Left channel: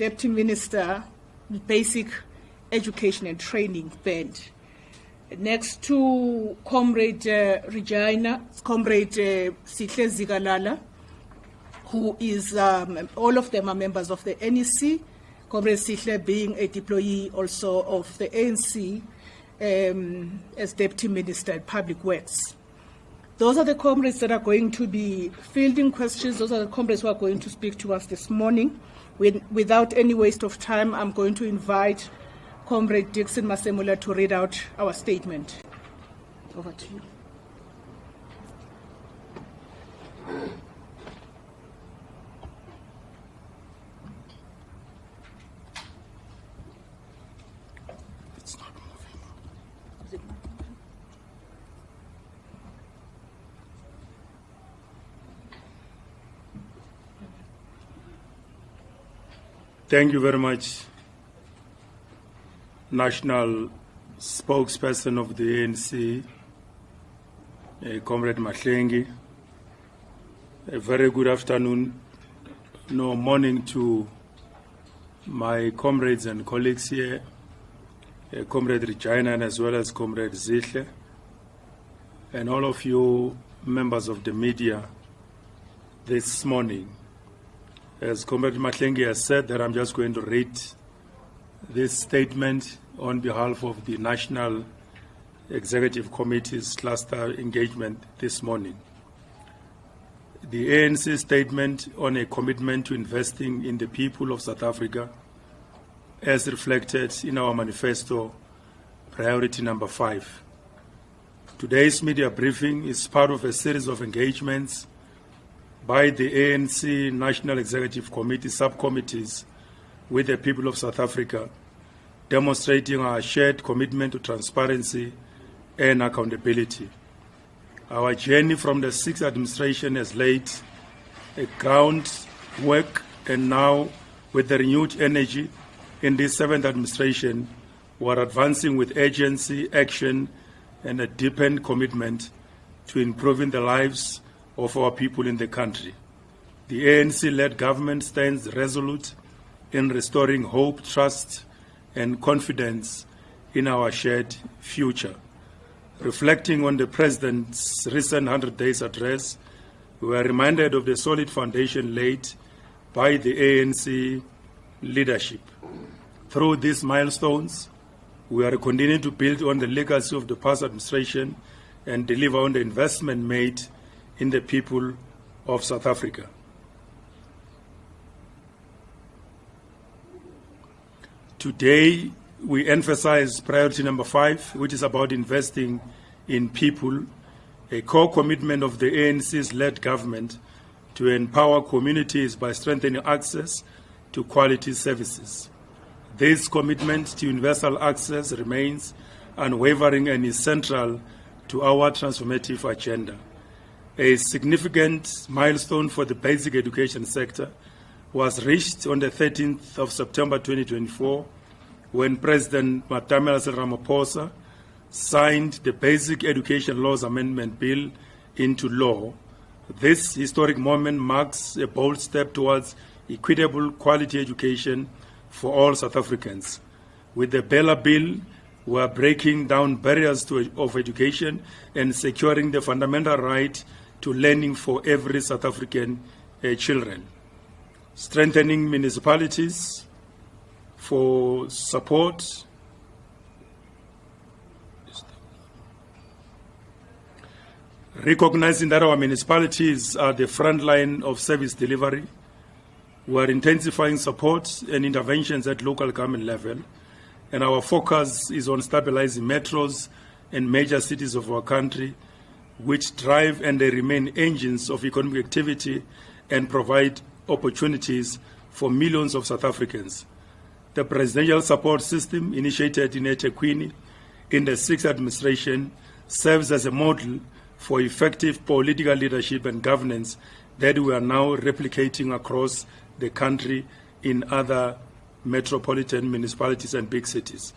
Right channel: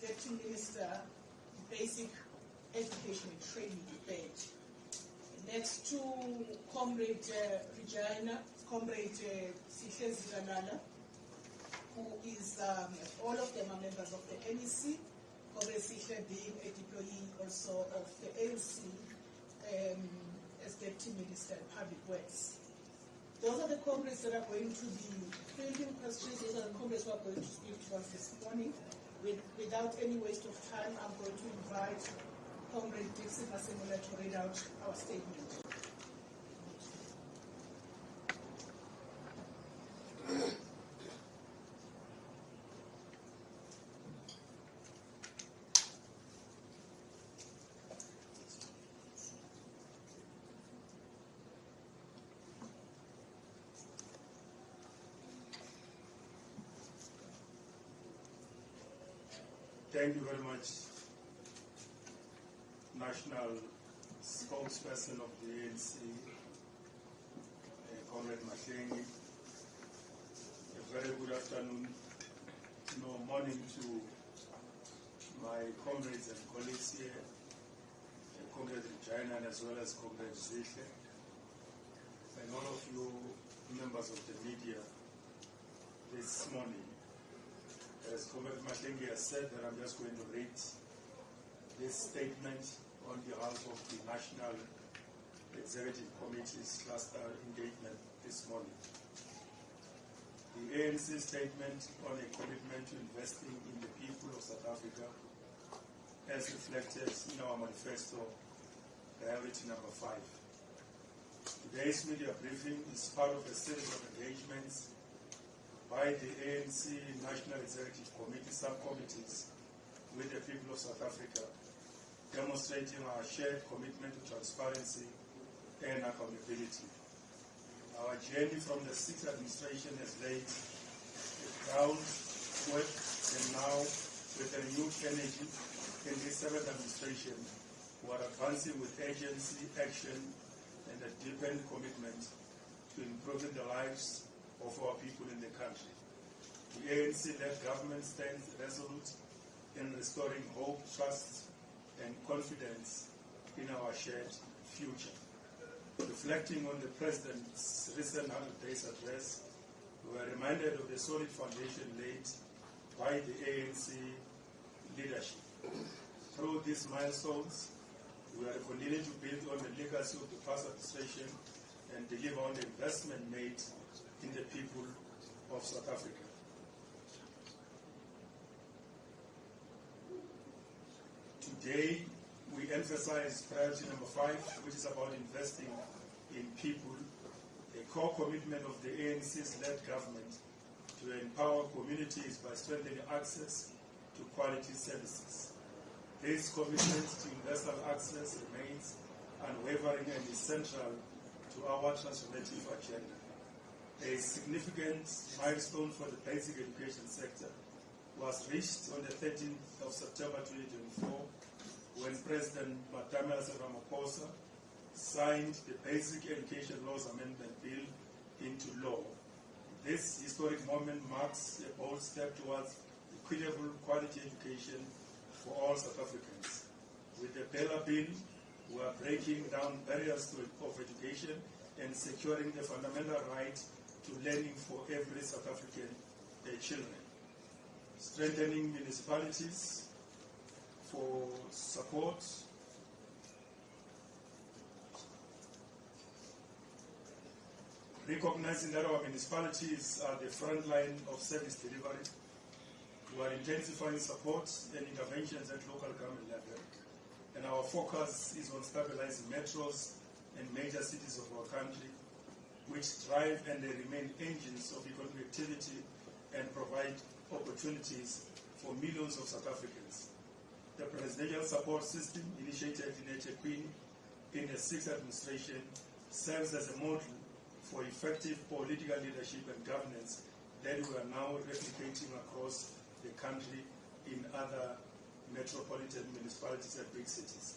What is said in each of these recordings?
Deputy Minister, Basic Education and Training Band. Next to Comrade Regina, Comrade Sihle Zikalala, who is, all of them are members of the NEC, Comrade Sihle being a deployee also of the ANC as Deputy Minister at Public Works. Those are the comrades that are going to be fielding questions. Those are the comrades who are going to speak to us this morning. Without any waste of time, I'm going to invite Comrade Dixon Masemula to read out our statement. Over to you. Thank you very much, National Spokesperson of the ANC, Comrade Mahlengi. A very good afternoon, no morning to my comrades and colleagues here, Comrade Regina as well as Comrade Zihle, and all of you members of the media this morning. As Comrade Mahlengi has said, that I'm just going to read this statement on behalf of the National Executive Committee's cluster engagement this morning. The ANC statement on a commitment to investing in the people of South Africa, as reflected in our manifesto, priority number 5. Today's media briefing is part of a series of engagements by the ANC National Executive Committee subcommittees with the people of South Africa, demonstrating our shared commitment to transparency and accountability. Our journey from the 6th administration has laid a groundwork, and now with the renewed energy in this 7th administration, we are advancing with urgency, action, and a deepened commitment to improving the lives of our people in the country. The ANC-led government stands resolute in restoring hope, trust, and confidence in our shared future. Reflecting on the President's recent 100 Days address, we are reminded of the solid foundation laid by the ANC leadership. Through these milestones, we are continuing to build on the legacy of the past administration and deliver on the investment made in the people of South Africa. Today, we emphasize priority number 5, which is about investing in people, a core commitment of the ANC's led government to empower communities by strengthening access to quality services. This commitment to universal access remains unwavering and is central to our transformative agenda. A significant milestone for the basic education sector was reached on the 13th of September 2024 when President Matamela Ramaphosa signed the Basic Education Laws Amendment Bill into law. This historic moment marks a bold step towards equitable quality education for all South Africans. With the Bella Bill, we are breaking down barriers of education and securing the fundamental right to learning for every South African children. Strengthening municipalities for support. Recognizing that our municipalities are the front line of service delivery, we are intensifying support and interventions at local government level, and our focus is on stabilizing metros and major cities of our country, which drive and they remain engines of economic activity and provide opportunities for millions of South Africans. The presidential support system initiated in eThekwini in the 6th administration serves as a model for effective political leadership and governance that we are now replicating across the country in other metropolitan municipalities and big cities.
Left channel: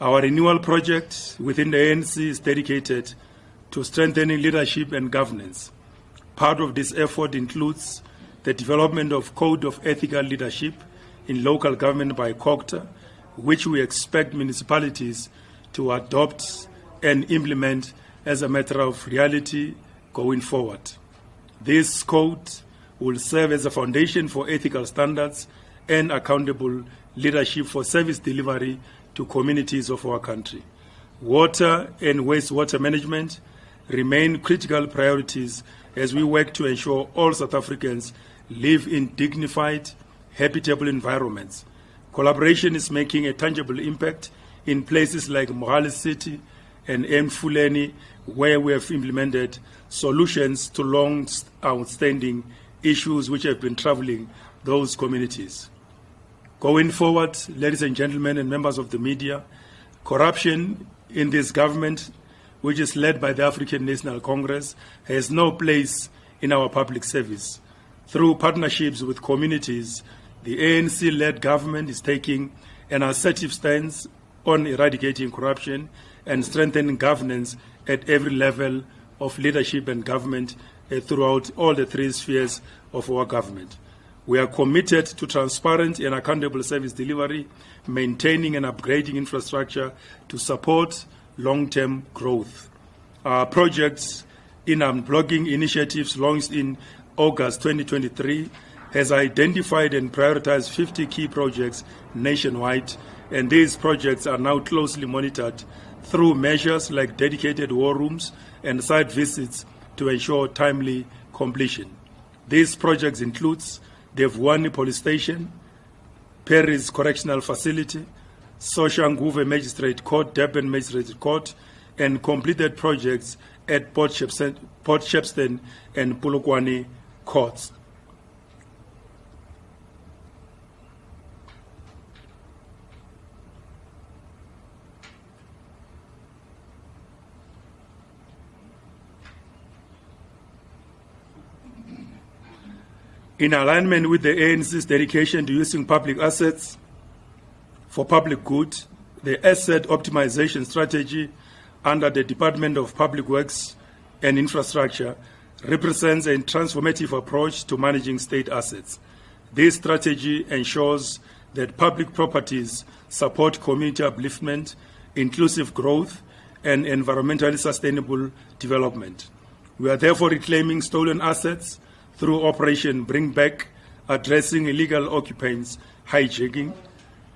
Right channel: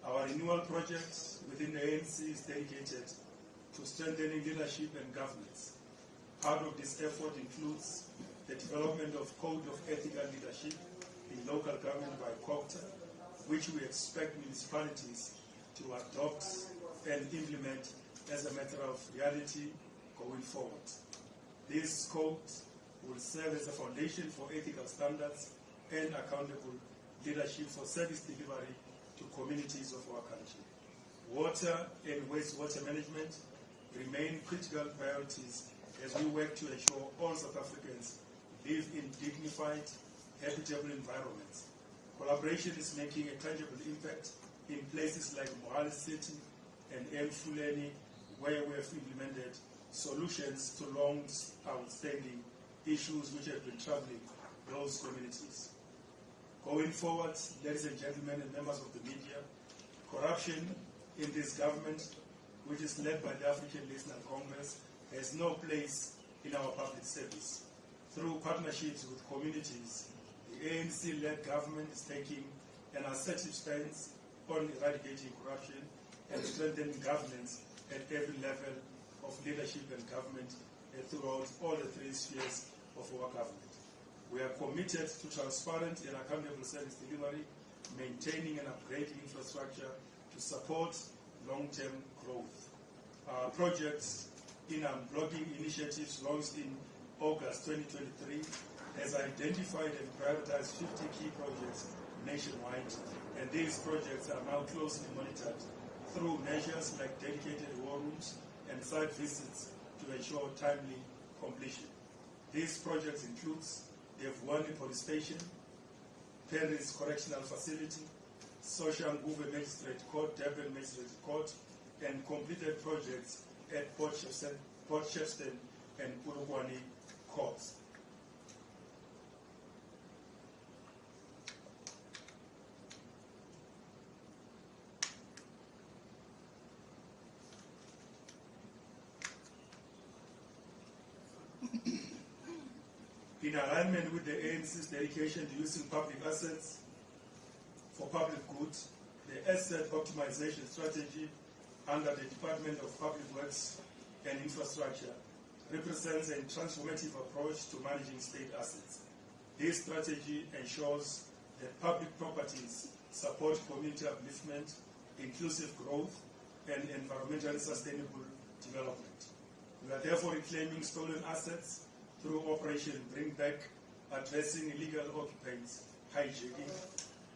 Our renewal project within the ANC is dedicated to strengthening leadership and governance. Part of this effort includes the development of Code of Ethical Leadership in local government by COGTA, which we expect municipalities to adopt and implement as a matter of reality going forward. This code will serve as a foundation for ethical standards and accountable leadership for service delivery to communities of our country. Water and wastewater management remain critical priorities as we work to ensure all South Africans live in dignified, habitable environments. Collaboration is making a tangible impact in places like Mohale City and Mfuleni, where we have implemented solutions to long outstanding issues which have been troubling those communities. Going forward, ladies and gentlemen and members of the media, corruption in this government, which is led by the African National Congress, has no place in our public service. Through partnerships with communities, the ANC-led government is taking an assertive stance on eradicating corruption and strengthening governance at every level of leadership and government throughout all the three spheres of our government. We are committed to transparent and accountable service delivery, maintaining and upgrading infrastructure to support long-term growth. Our projects in unblocking initiatives launched in August 2023 has identified and prioritized 50 key projects nationwide, and these projects are now closely monitored through measures like dedicated war rooms and site visits to ensure timely completion. These projects include the Vuwani Police Station, Paris Correctional Facility, Soshanguve Magistrate Court, Durban Magistrate Court, and completed projects at Port Shepstone and Polokwane courts. In alignment with the ANC's dedication to using public assets for public good, the asset optimization strategy under the Department of Public Works and Infrastructure represents a transformative approach to managing state assets. This strategy ensures that public properties support community upliftment, inclusive growth, and environmentally sustainable development. We are therefore reclaiming stolen assets through Operation Bring Back, addressing illegal occupants hijacking,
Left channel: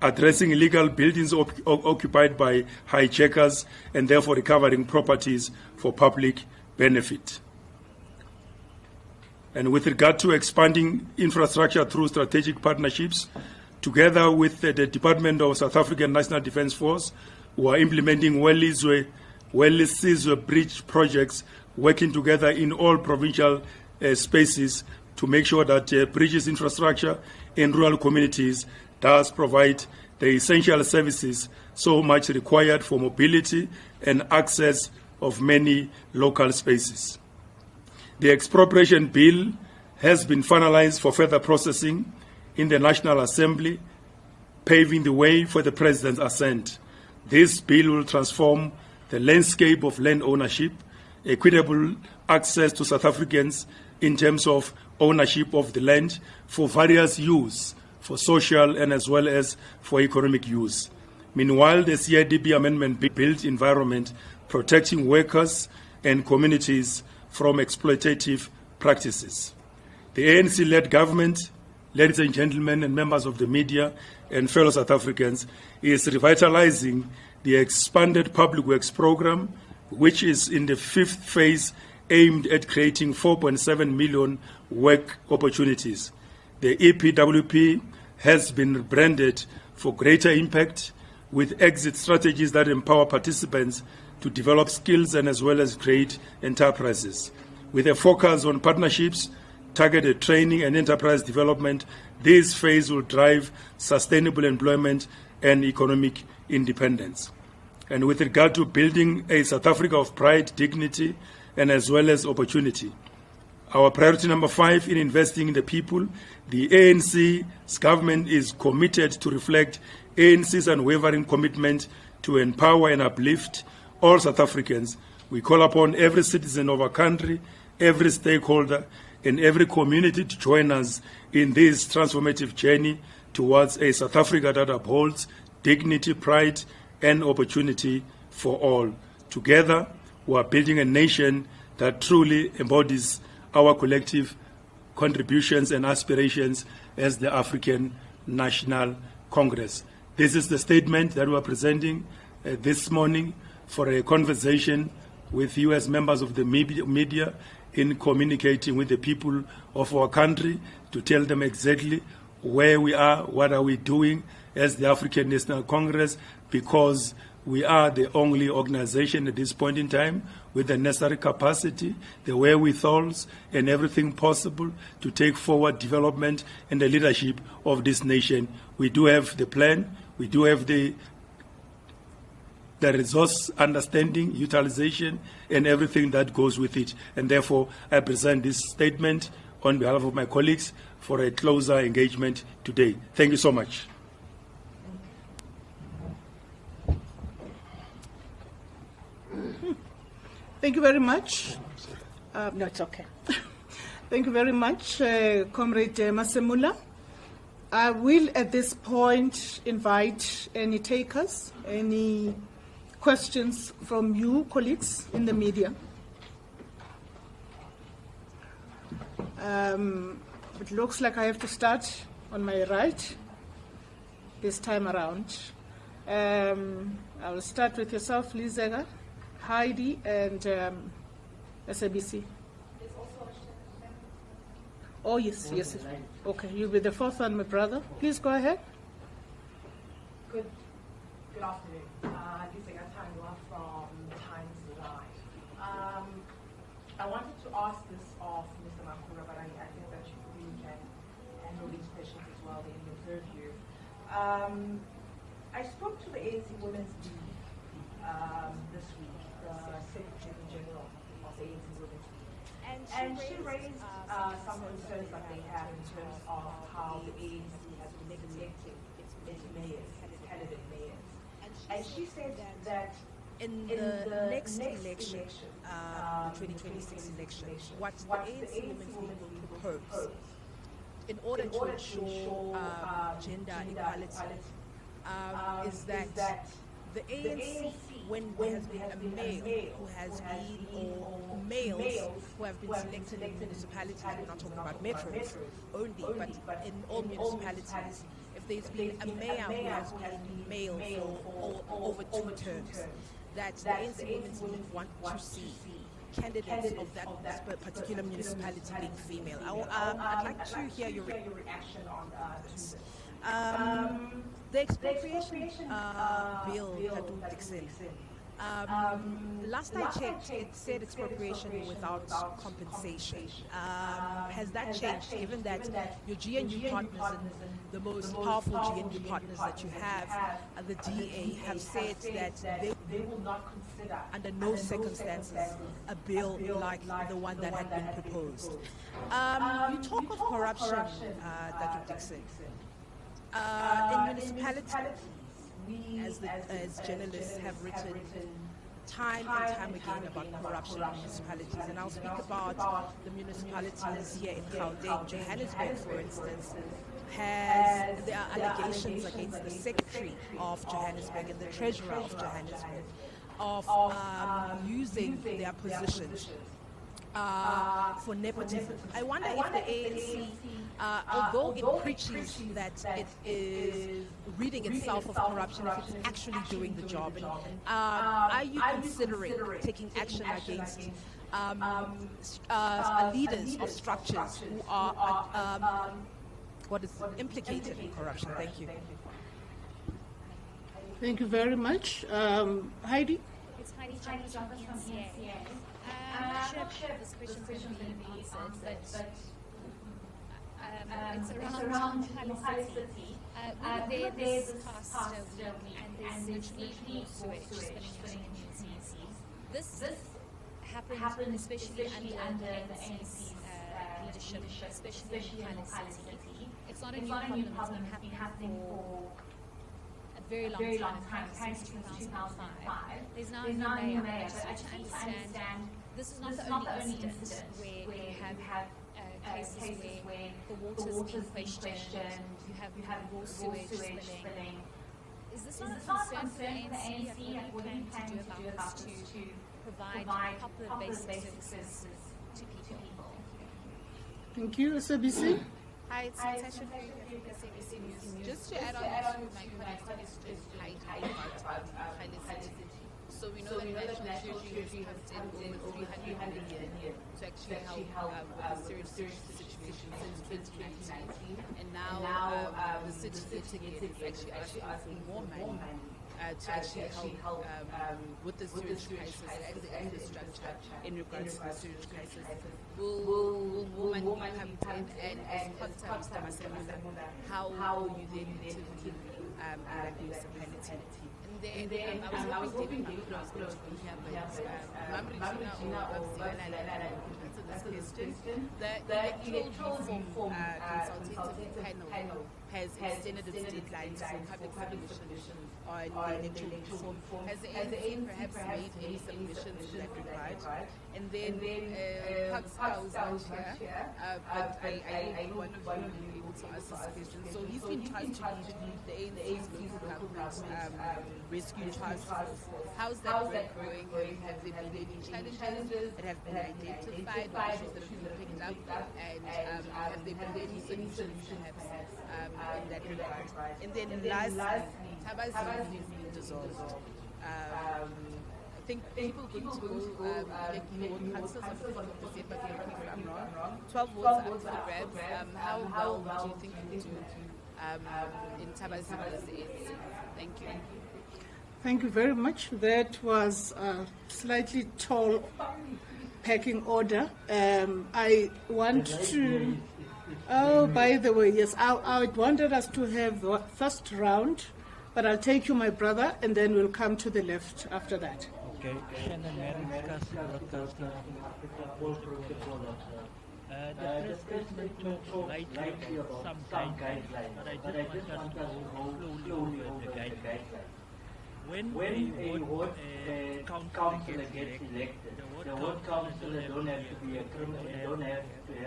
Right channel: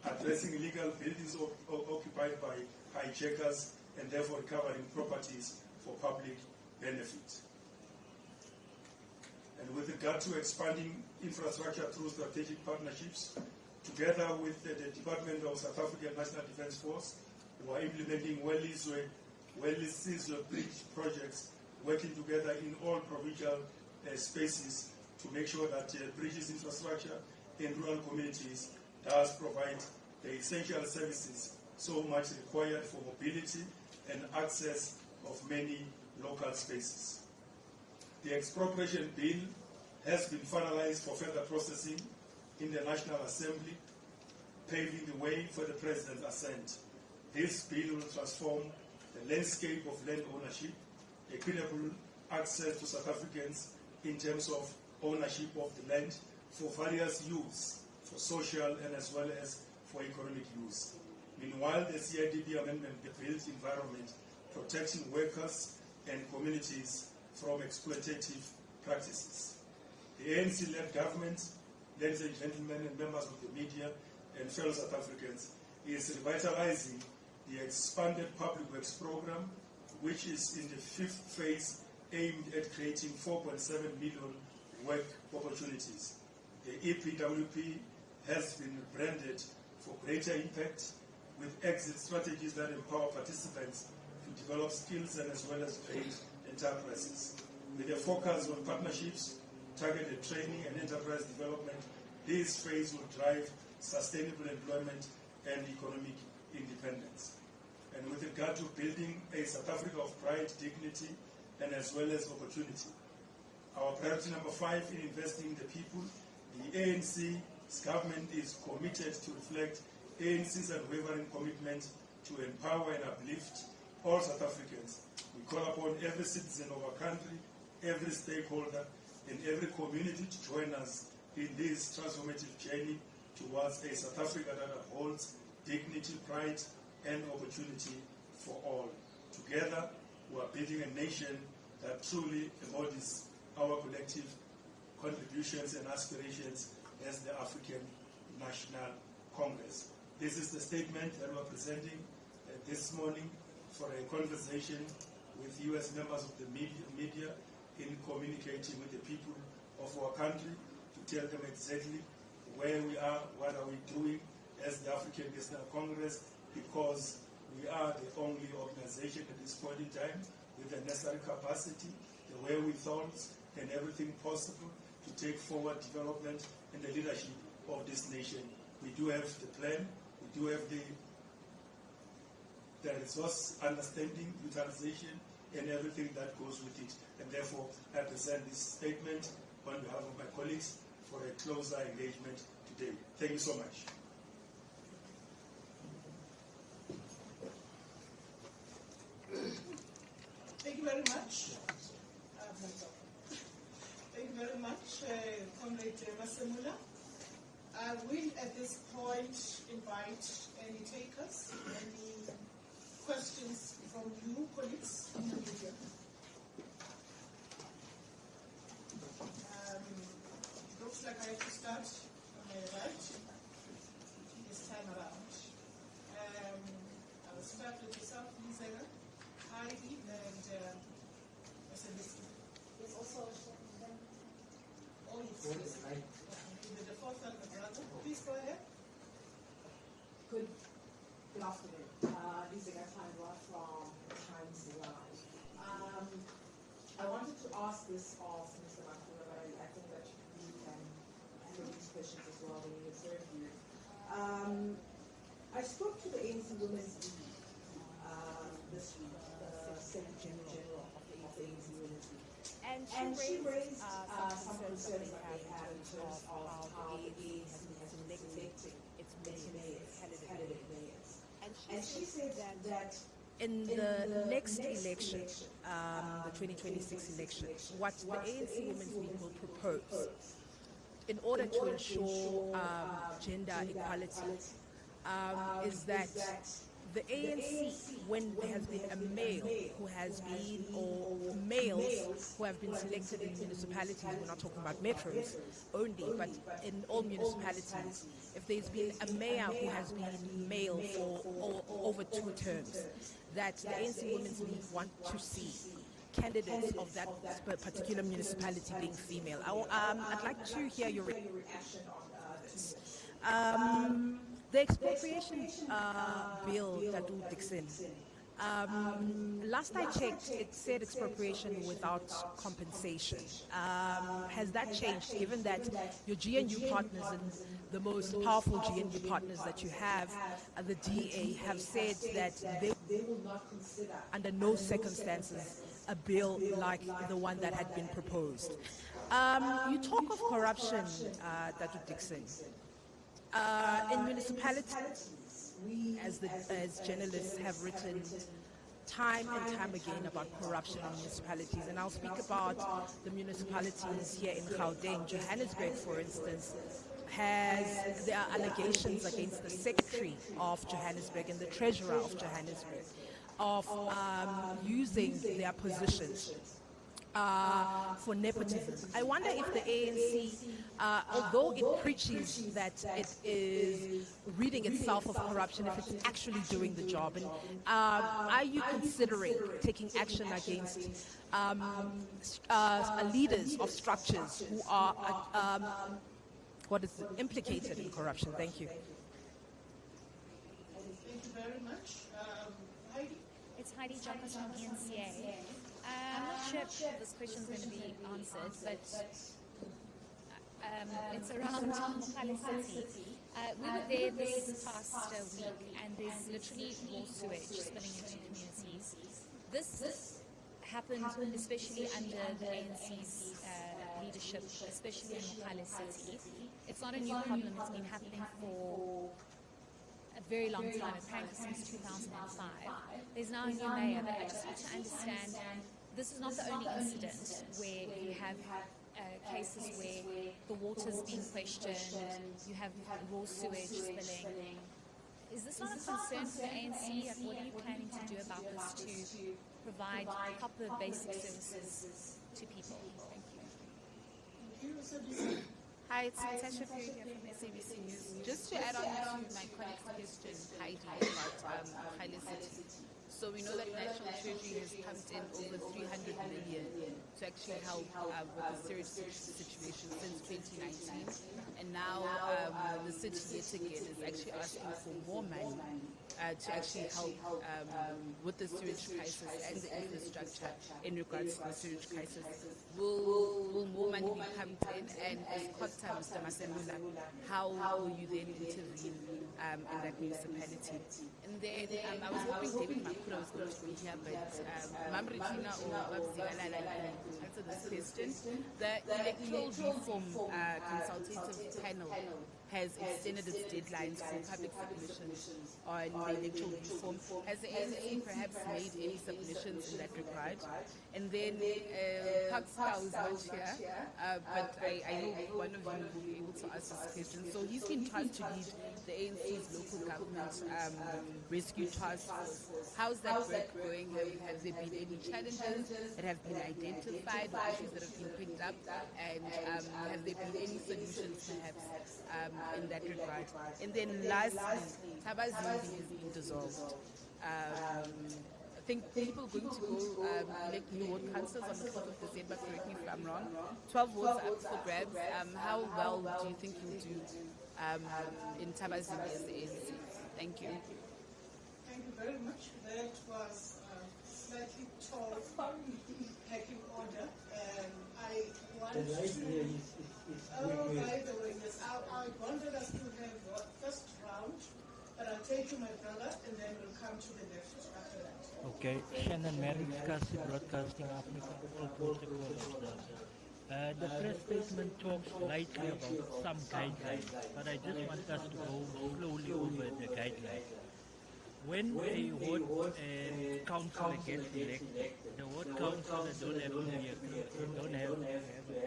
addressing illegal buildings occupied by hijackers, and therefore recovering properties for public benefit. And with regard to expanding infrastructure through strategic partnerships, together with the Department of South African National Defence Force, we are implementing Welizwe bridge projects, working together in all provincial spaces to make sure that bridges infrastructure in rural communities does provide the essential services so much required for mobility and access of many local spaces. The expropriation bill has been finalized for further processing in the National Assembly, paving the way for the President's assent. This bill will transform the landscape of land ownership, equitable access to South Africans in terms of ownership of the land for various use, for social and as well as for economic use. Meanwhile, the CIDB amendment built environment protecting workers and communities from exploitative practices. The ANC-led government, ladies and gentlemen and members of the media and fellow South Africans, is revitalizing the expanded public works program, which is in the fifth phase aimed at creating 4.7 million work opportunities. The EPWP has been branded for greater impact with exit strategies that empower participants to develop skills and as well as create enterprises. With a focus on partnerships, targeted training and enterprise development, this phase will drive sustainable employment and economic independence. And with regard to building a South Africa of pride, dignity, and as well as opportunity, our priority number 5 in investing in the people, the ANC's government is committed to reflect ANC's unwavering commitment to empower and uplift all South Africans. We call upon every citizen of our country, every stakeholder, and every community to join us in this transformative journey towards a South Africa that upholds dignity, pride, and opportunity for all. Together, we are building a nation that truly embodies our collective contributions and aspirations as the African National Congress. This is the statement that we are presenting this morning for a conversation with you as members of the media in communicating with the people of our country to tell them exactly where we are, what are we doing as the African National Congress, because we are the only organization at this point in time with the necessary capacity, the wherewithals, and everything possible to take forward development and the leadership of this nation. We do have the plan, we do have the resource understanding, utilization, and everything that goes with it. And therefore, I present this statement on behalf of my colleagues for a closer engagement today. Thank you so much. Thank you very much. No, it's okay. Thank you very much, Comrade Masemula. I will, at this point, invite any takers, any questions from you, colleagues in the media. It looks like I have to start on my right this time around. I will start with yourself, Lizega, Heidi, and SABC. Oh, yes, yes. Okay, you'll be the fourth one, my brother. Please go ahead. Good afternoon. Lizega Tangwa from Times Live. I wanted to ask this of Mr. Makura, but I think that you probably can handle these questions as well. They observe you. I spoke to the ANC Women's League this week, the Secretary General of the ANC Women's League. And she raised some concerns that they have in terms of how the ANC has been electing its candidate mayors. And she said that in the next election, the 2026 election, what the ANC Women's League will propose in order to ensure gender equality is that the ANC, when there has been a male who has been, or males who have been selected in municipalities, we're not talking about metros only, but in all municipalities, if there's been a mayor who has been male for over 2 terms, that the ANC Women's League want to see candidates of that particular municipality being female. I'd like to hear your reaction on this. The expropriation bill, Tadu Dixon. Last I checked, it said expropriation without compensation. Has that changed, given that your GNU partners and the most powerful GNU partners that you have, the DA, have said that they will not consider, under no circumstances, a bill like the one that had been proposed. You talk of corruption, Tadu Dixon. In municipalities, we, as journalists, have written time and time again about corruption in municipalities, and I'll speak about the municipalities here in Gauteng. Johannesburg, for instance, there are allegations against the secretary of Johannesburg and the treasurer of Johannesburg of using their positions for nepotism. I wonder if the ANC, although it preaches that it is ridding itself of corruption, if it's actually doing the job, and are you considering taking action against leaders of structures who are implicated in corruption? Thank you. Thank you very much. Heidi? It's Heidi Jumpers from ENCA. I'm not sure if this question is going to be answered, but it's around Mokale City. We were there this past week, and there's literally more sewage spilling into communities. This happened especially under the ANC's leadership, especially in Mokale City. It's not a new problem, it's been happening for a very long time, apparently since 2005. There's now a new mayor, but I just want to understand this is not the only incident where you have cases where the water's being questioned, you have raw sewage spilling. Is this not a concern for the ANC? Like, what are you planning to do about this to provide proper basic services to people? Thank you. Thank you, SABC. Hi, it's Natasha Perry here from SABC News. Just to add on to my colleague's question, Heidi, about Haile City. So we know that National Treasury has pumped in over 300 million to actually help with the sewage situation since 2019. And now the city yet again is actually asking for more money to actually help with the sewage crisis and the infrastructure in regards to the sewage crisis. Will more money be pumped in? And as Conta, Mr. Masemula, how will you then intervene in that municipality? And then I was hoping David Makura was going to be here, but Mamritina or Babzigalala can answer this question. The electoral reform consultative panel has extended its deadlines for public submissions on the electoral reform. Has the ANC perhaps made any submissions in that regard? And then Pascal is not here, but I hope one of you will be able to answer this question. So he's been tasked to lead the ANC's local government rescue task force. How's that work going? Have there been any challenges that have been identified or issues that have been picked up? And have there been any solutions perhaps in that regard? And then lastly, Tabazimbi has been dissolved. I think people are going to go elect new ward councils on the 4th of December, correct me if I'm wrong. 12 votes are up for grabs. How well do you think you'll do in Tabazimbi as the ANC? Thank you. Thank you very much. That was a slightly tall packing order. I want to, oh, by the way, yes, I wanted us to have the first round, but I'll take you, my brother, and then we'll come to the left after that. Okay, Shannon Merrick, Broadcasting Africa. The press statement talks lightly about some guidelines, but I just want us to go slowly over the guidelines. When a ward councillor gets elected, the ward councillor don't have to be don't have a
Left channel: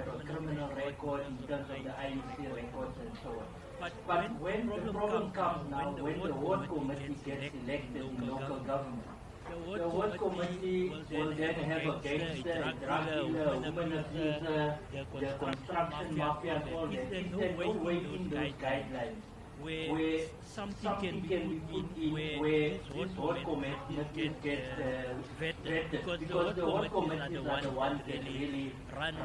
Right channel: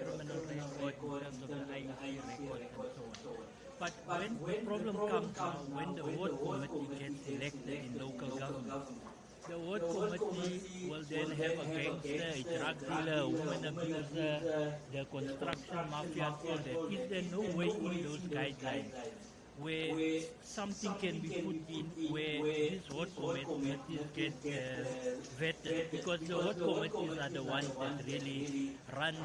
permanent record in terms of the IEC record and so on. But when the problem comes now, when the ward committee gets elected in local government, the ward committee will then have a gangster, a drug dealer, a woman abuser, the construction mafia, all that. Is there no way in those guidelines where something can be put in where these ward committees get vetted? Because the ward committees are the ones that really run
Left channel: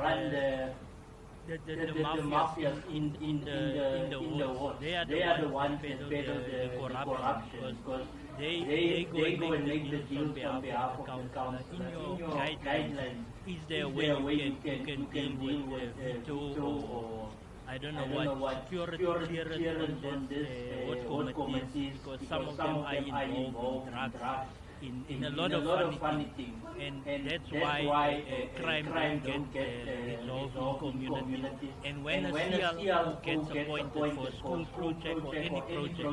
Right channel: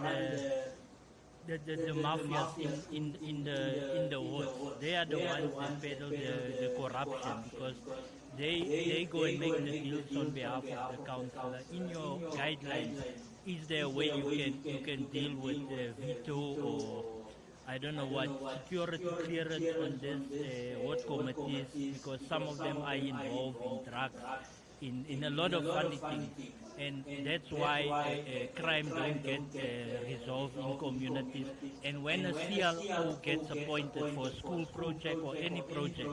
the mafias in the wards. They are the ones that peddle the corruption, because they go and make the deals on behalf of the councillor. In your guidelines, is there a way you can deal with veto or I don't know what security clearance on this ward committees, because some of them are involved in drugs, in a lot of funny things, and that's why crime don't get resolved in communities. And when a CLO gets appointed for a school project or any project,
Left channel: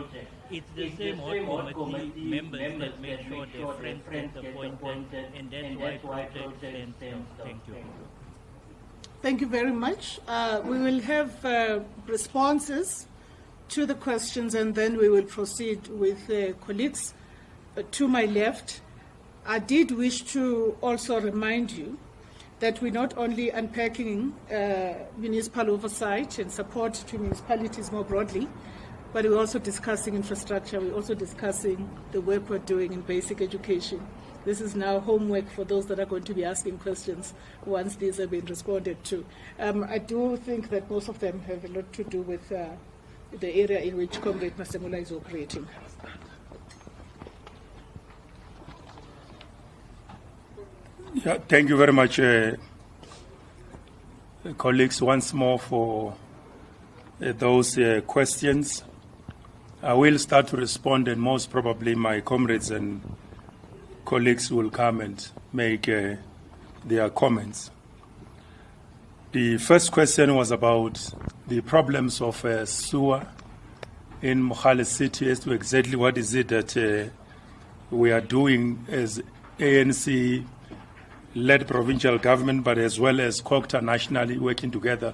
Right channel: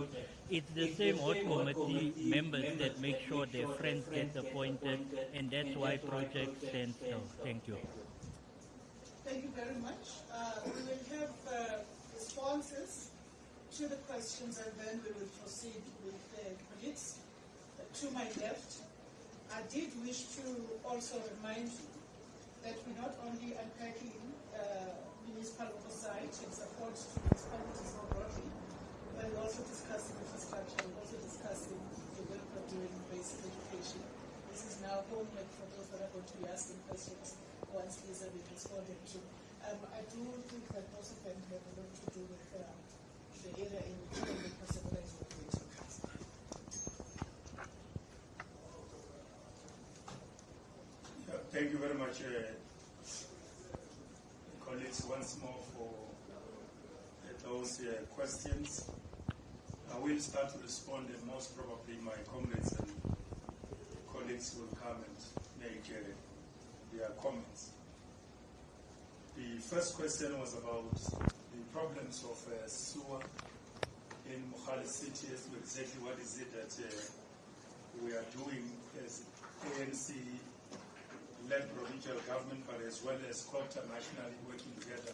it's the same ward committee members that make sure their friends get appointed, and that's why projects stand still. Thank you. Thank you very much. We will have responses to the questions, and then we will proceed with colleagues to my left. I did wish to also remind you that we're not only unpacking municipal oversight and support to municipalities more broadly, but we're also discussing infrastructure. We're also discussing the work we're doing in basic education. This is now homework for those that are going to be asking questions once these have been responded to. I do think that most of them have a lot to do with the area in which Comrade Masemula is operating. Yeah, thank you very much, colleagues, once more for those questions. I will start to respond, and most probably my comrades and colleagues will come and make their comments. The first question was about the problems of sewer in Mohale City, as to exactly what is it that we are doing as ANC led provincial government, but as well as COGTA nationally, working together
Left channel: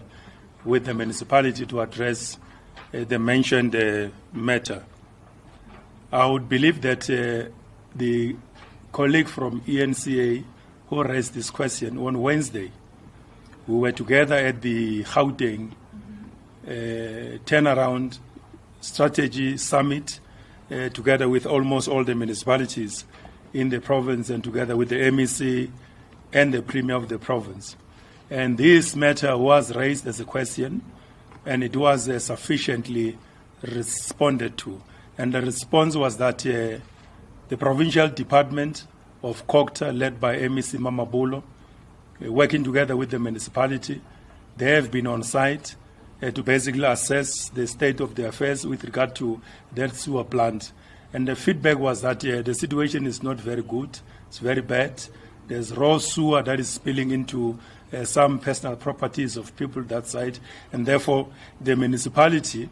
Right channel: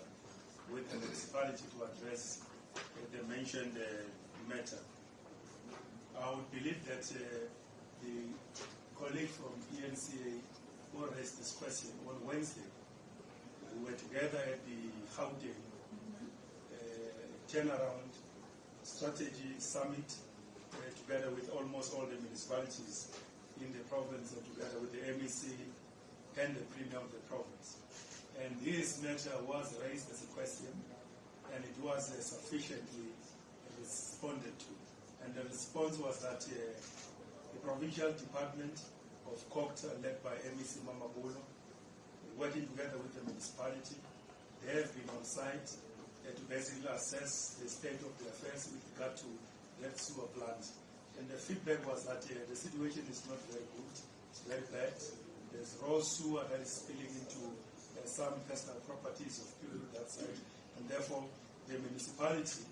with the municipality to address the mentioned matter. I would believe that the colleague from ENCA who raised this question on Wednesday, we were together at the Gauteng turnaround strategy summit together with almost all the municipalities in the province and together with the MEC and the Premier of the province. And this matter was raised as a question, and it was sufficiently responded to. And the response was that the provincial department of COGTA, led by MEC Mamabulo, working together with the municipality, they have been on site to basically assess the state of the affairs with regard to that sewer plant. And the feedback was that the situation is not very good, it's very bad. There's raw sewer that is spilling into some personal properties of people that side, and therefore the municipality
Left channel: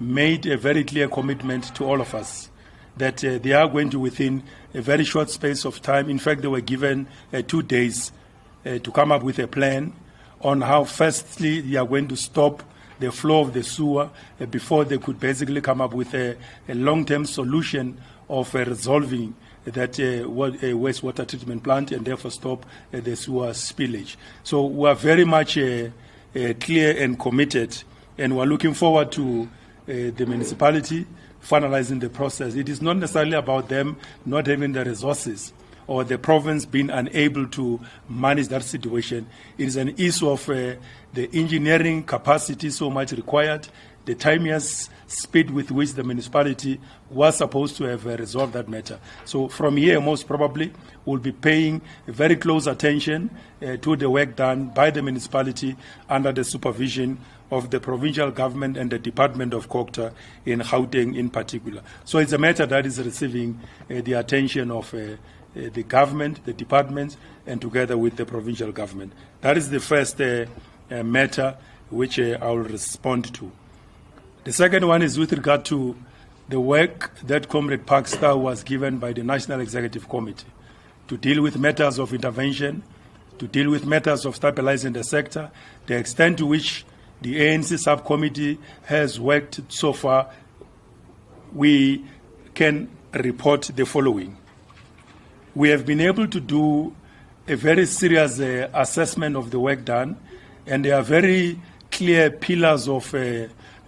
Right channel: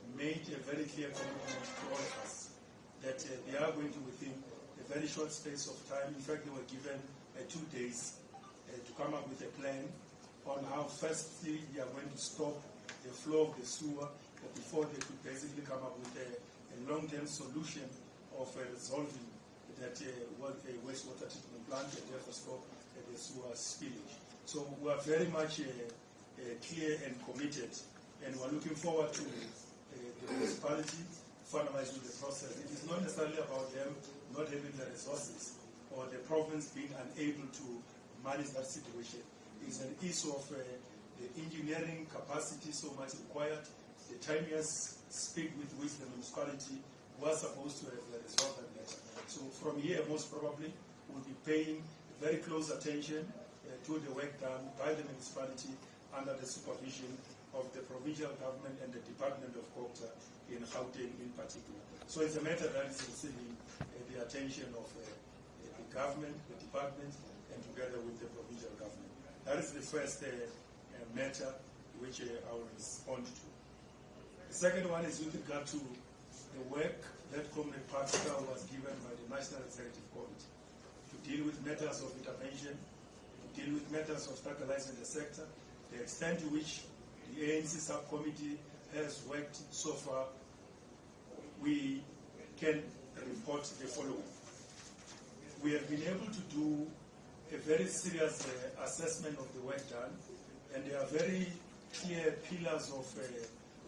made a very clear commitment to all of us that they are going to, within a very short space of time, in fact they were given 2 days to come up with a plan on how firstly they are going to stop the flow of the sewer before they could basically come up with a long-term solution of resolving that wastewater treatment plant and therefore stop the sewer spillage. So we are very much clear and committed, and we are looking forward to the municipality finalizing the process. It is not necessarily about them not having the resources or the province being unable to manage that situation. It is an issue of the engineering capacity so much required, the timeous speed with which the municipality was supposed to have resolved that matter. So from here, most probably, we'll be paying very close attention to the work done by the municipality under the supervision of the provincial government and the Department of COGTA in Gauteng in particular. So it's a matter that is receiving the attention of the government, the departments, and together with the provincial government. That is the first matter which I will respond to. The second one is with regard to the work that Comrade Parkstar was given by the National Executive Committee to deal with matters of intervention, to deal with matters of stabilizing the sector, the extent to which the ANC subcommittee has worked so far. We can report the following. We have been able to do a very serious assessment of the work done, and there are very clear pillars of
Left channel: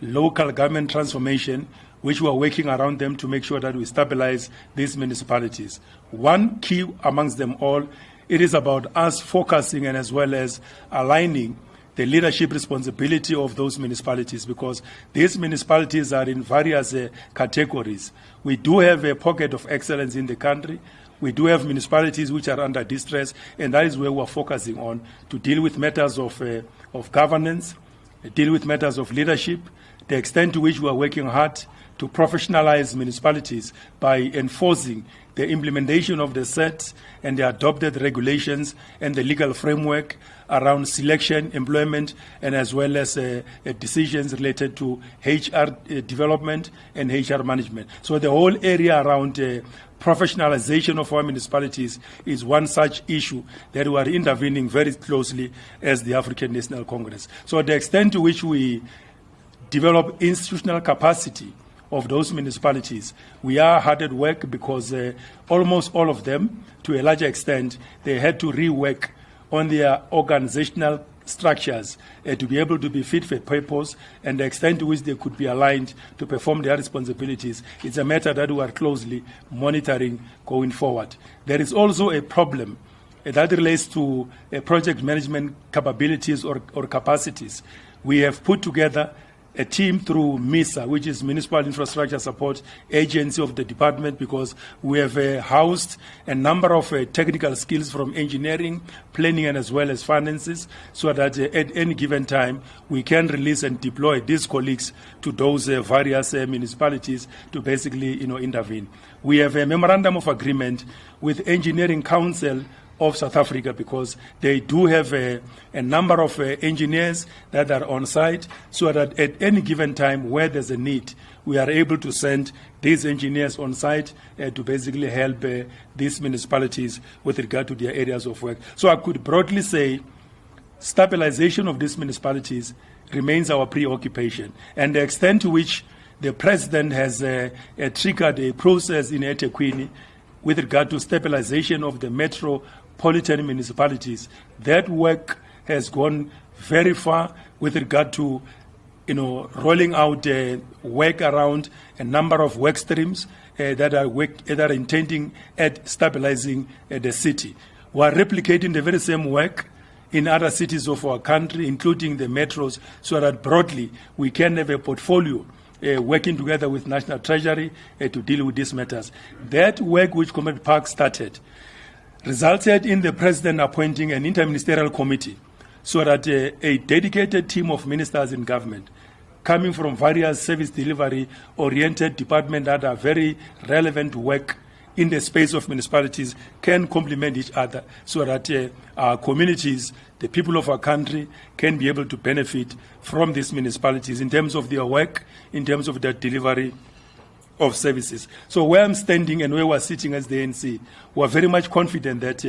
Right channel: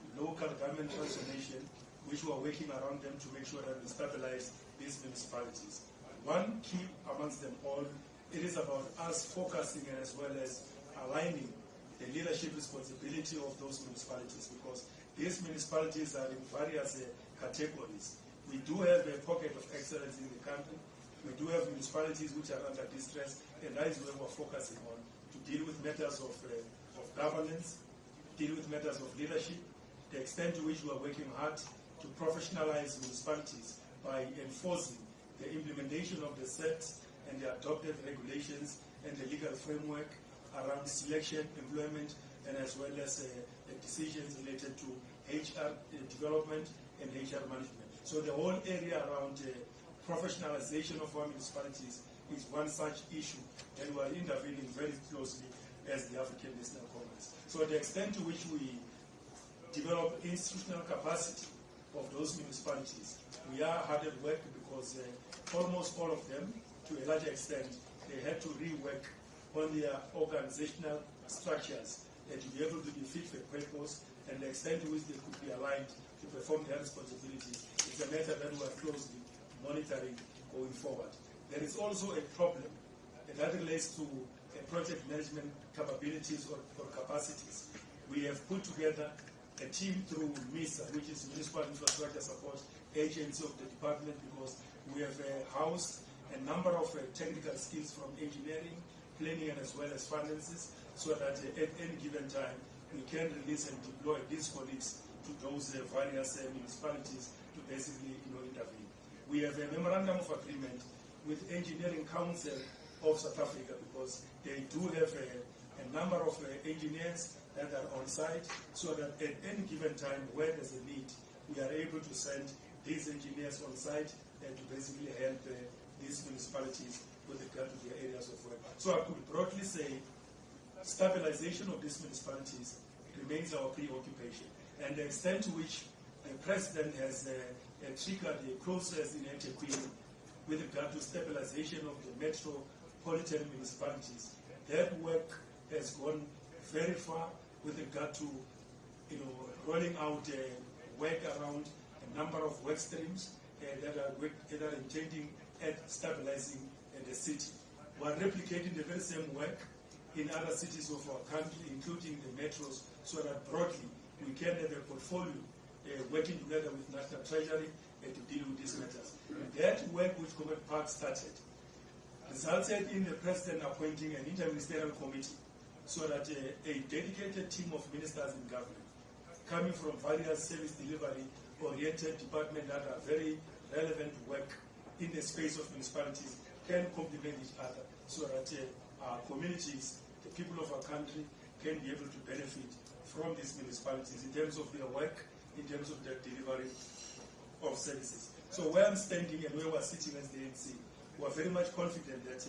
local government transformation which we are working around them to make sure that we stabilize these municipalities. One key amongst them all, it is about us focusing and as well as aligning the leadership responsibility of those municipalities, because these municipalities are in various categories. We do have a pocket of excellence in the country. We do have municipalities which are under distress, and that is where we are focusing on to deal with matters of governance, deal with matters of leadership, the extent to which we are working hard to professionalize municipalities by enforcing the implementation of the set and the adopted regulations and the legal framework around selection, employment, and as well as decisions related to HR development and HR management. So the whole area around professionalization of our municipalities is one such issue that we are intervening very closely as the African National Congress. So the extent to which we develop institutional capacity of those municipalities, we are hard at work because almost all of them, to a larger extent, they had to rework on their organizational structures to be able to be fit for purpose, and the extent to which they could be aligned to perform their responsibilities. It's a matter that we are closely monitoring going forward. There is also a problem that relates to project management capabilities or capacities. We have put together a team through MISA, which is Municipal Infrastructure Support Agency of the department, because we have housed a number of technical skills from engineering, planning, and as well as finances, so that at any given time we can release and deploy these colleagues to those various municipalities to basically intervene. We have a memorandum of agreement with Engineering Council of South Africa, because they do have a number of engineers that are on site, so that at any given time where there's a need, we are able to send these engineers on site to basically help these municipalities with regard to their areas of work. So I could broadly say stabilization of these municipalities remains our preoccupation, and the extent to which the President has triggered a process in eThekwini with regard to stabilization of the metropolitan municipalities. That work has gone very far with regard to rolling out work around a number of work streams that are intending at stabilizing the city. We are replicating the very same work in other cities of our country, including the metros, so that broadly we can have a portfolio working together with National Treasury to deal with these matters. That work which Comrade Park started resulted in the President appointing an interministerial committee so that a dedicated team of ministers in government coming from various service delivery-oriented departments that are very relevant to work in the space of municipalities can complement each other so that our communities, the people of our country, can be able to benefit from these municipalities in terms of their work, in terms of their delivery of services. So where I'm standing and where we're sitting as the ANC, we're very much confident that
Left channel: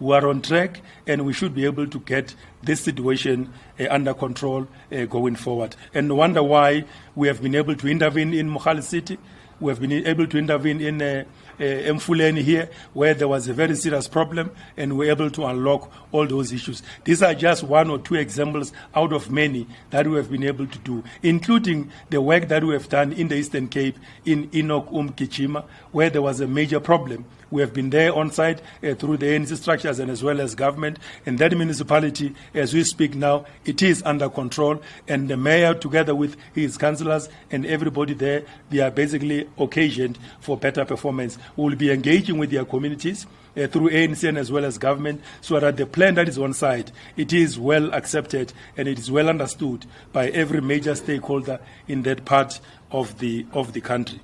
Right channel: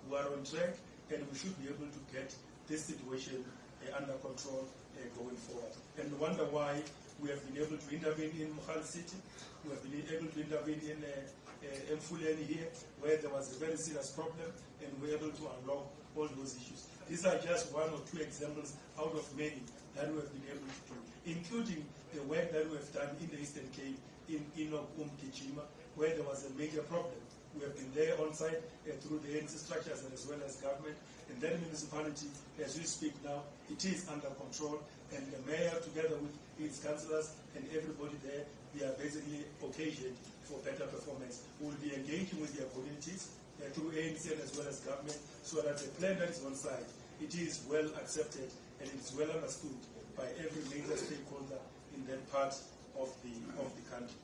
we are on track and we should be able to get this situation under control going forward. And no wonder why we have been able to intervene in Mohali City, we have been able to intervene in Mfuleni here, where there was a very serious problem, and we're able to unlock all those issues. These are just one or two examples out of many that we have been able to do, including the work that we have done in the Eastern Cape, in Enoch Kichima, where there was a major problem. We have been there on site through the ANC structures and as well as government. And that municipality, as we speak now, it is under control. And the mayor, together with his councillors and everybody there, they are basically occasioned for better performance. We will be engaging with their communities through ANC and as well as government, so that the plan that is on site, it is well accepted and it is well understood by every major stakeholder in that part of the country.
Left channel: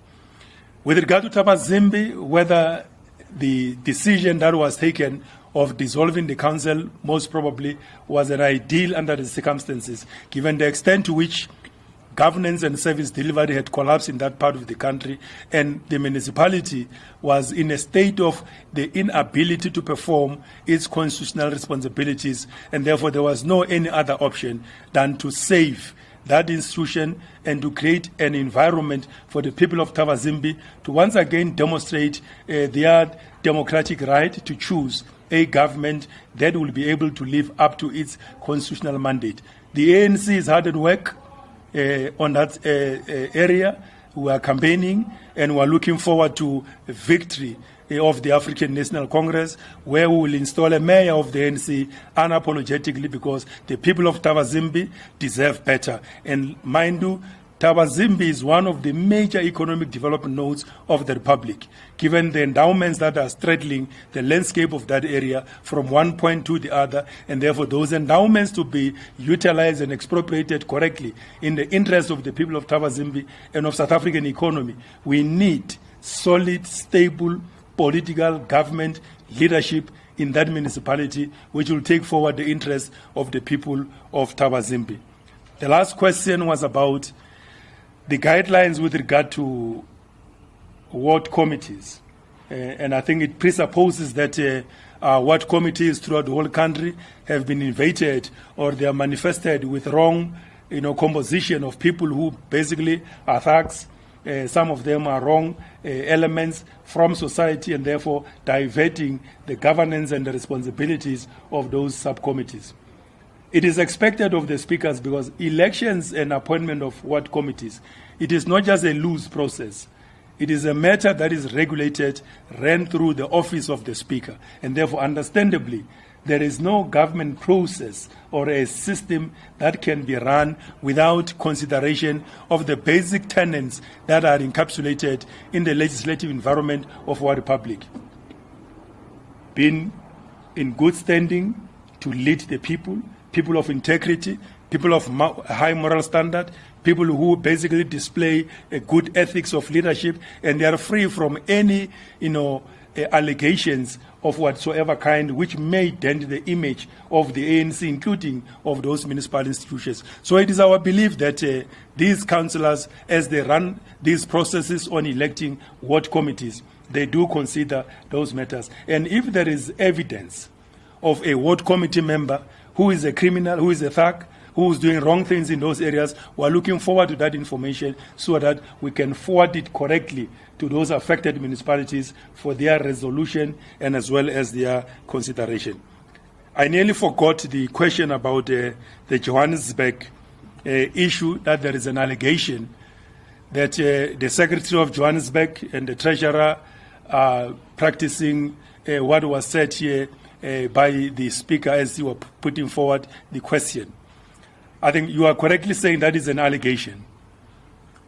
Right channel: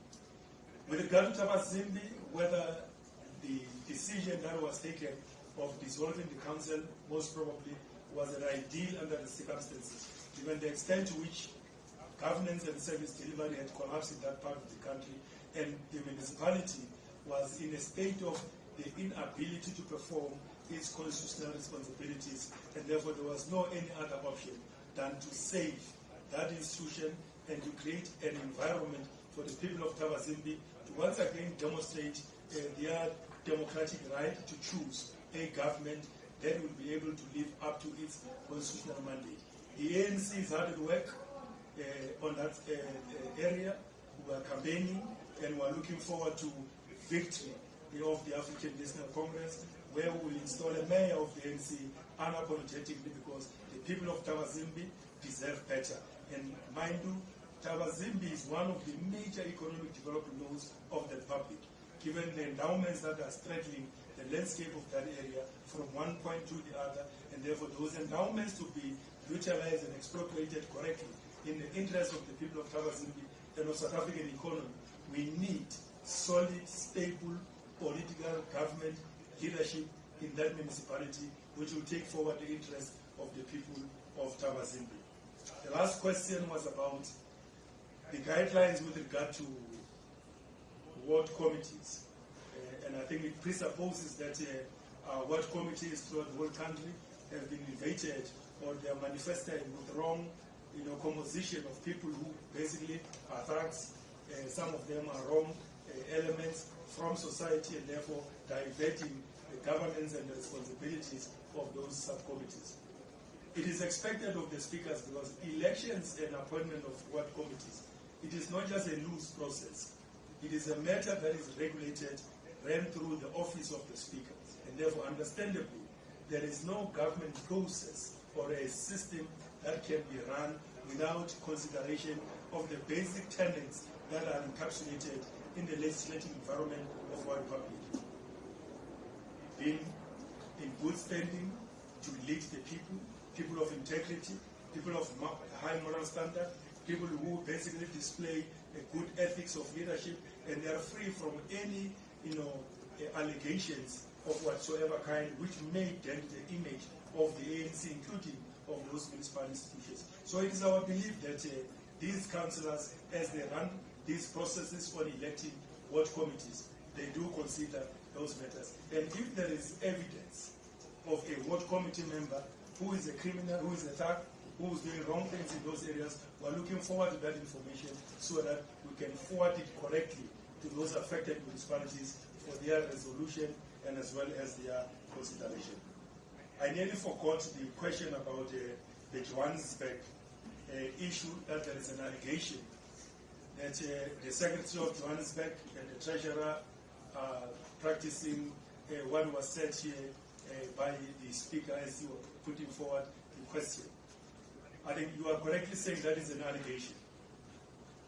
With regard to Tabazimbi, whether the decision that was taken of dissolving the council most probably was an ideal under the circumstances, given the extent to which governance and service delivery had collapsed in that part of the country, and the municipality was in a state of the inability to perform its constitutional responsibilities, and therefore there was no any other option than to save that institution and to create an environment for the people of Tabazimbi to once again demonstrate their democratic right to choose a government that will be able to live up to its constitutional mandate. The ANC is hard at work on that area. We are campaigning and we are looking forward to a victory of the African National Congress, where we will install a mayor of the ANC unapologetically, because the people of Tabazimbi deserve better. And mind you, Tabazimbi is one of the major economic development nodes of the Republic, given the endowments that are straddling the landscape of that area from one point to the other, and therefore those endowments to be utilized and expropriated correctly in the interest of the people of Tabazimbi and of South African economy. We need solid, stable political government leadership in that municipality, which will take forward the interests of the people of Tabazimbi. The last question was about the guidelines with regard to ward committees. And I think it presupposes that ward committees throughout the whole country have been invaded, or they are manifested with wrong composition of people who basically are thugs. Some of them are wrong elements from society, and therefore diverting the governance and the responsibilities of those subcommittees. It is expected of the speakers, because elections and appointment of ward committees, it is not just a loose process. It is a matter that is regulated, ran through the office of the speaker, and therefore, understandably, there is no government process or a system that can be run without consideration of the basic tenets that are encapsulated in the legislative environment of our republic. Being in good standing to lead the people, people of integrity, people of high moral standard, people who basically display a good ethics of leadership, and they are free from any allegations of whatsoever kind which may dent the image of the ANC, including of those municipal institutions. So it is our belief that these councillors, as they run these processes on electing ward committees, they do consider those matters. And if there is evidence of a ward committee member who is a criminal, who is a thug, who is doing wrong things in those areas, we are looking forward to that information so that we can forward it correctly to those affected municipalities for their resolution and as well as their consideration. I nearly forgot the question about the Johannesburg issue, that there is an allegation that the Secretary of Johannesburg and the Treasurer are practicing what was said here by the Speaker as he was putting forward the question. I think you are correctly saying that is an allegation.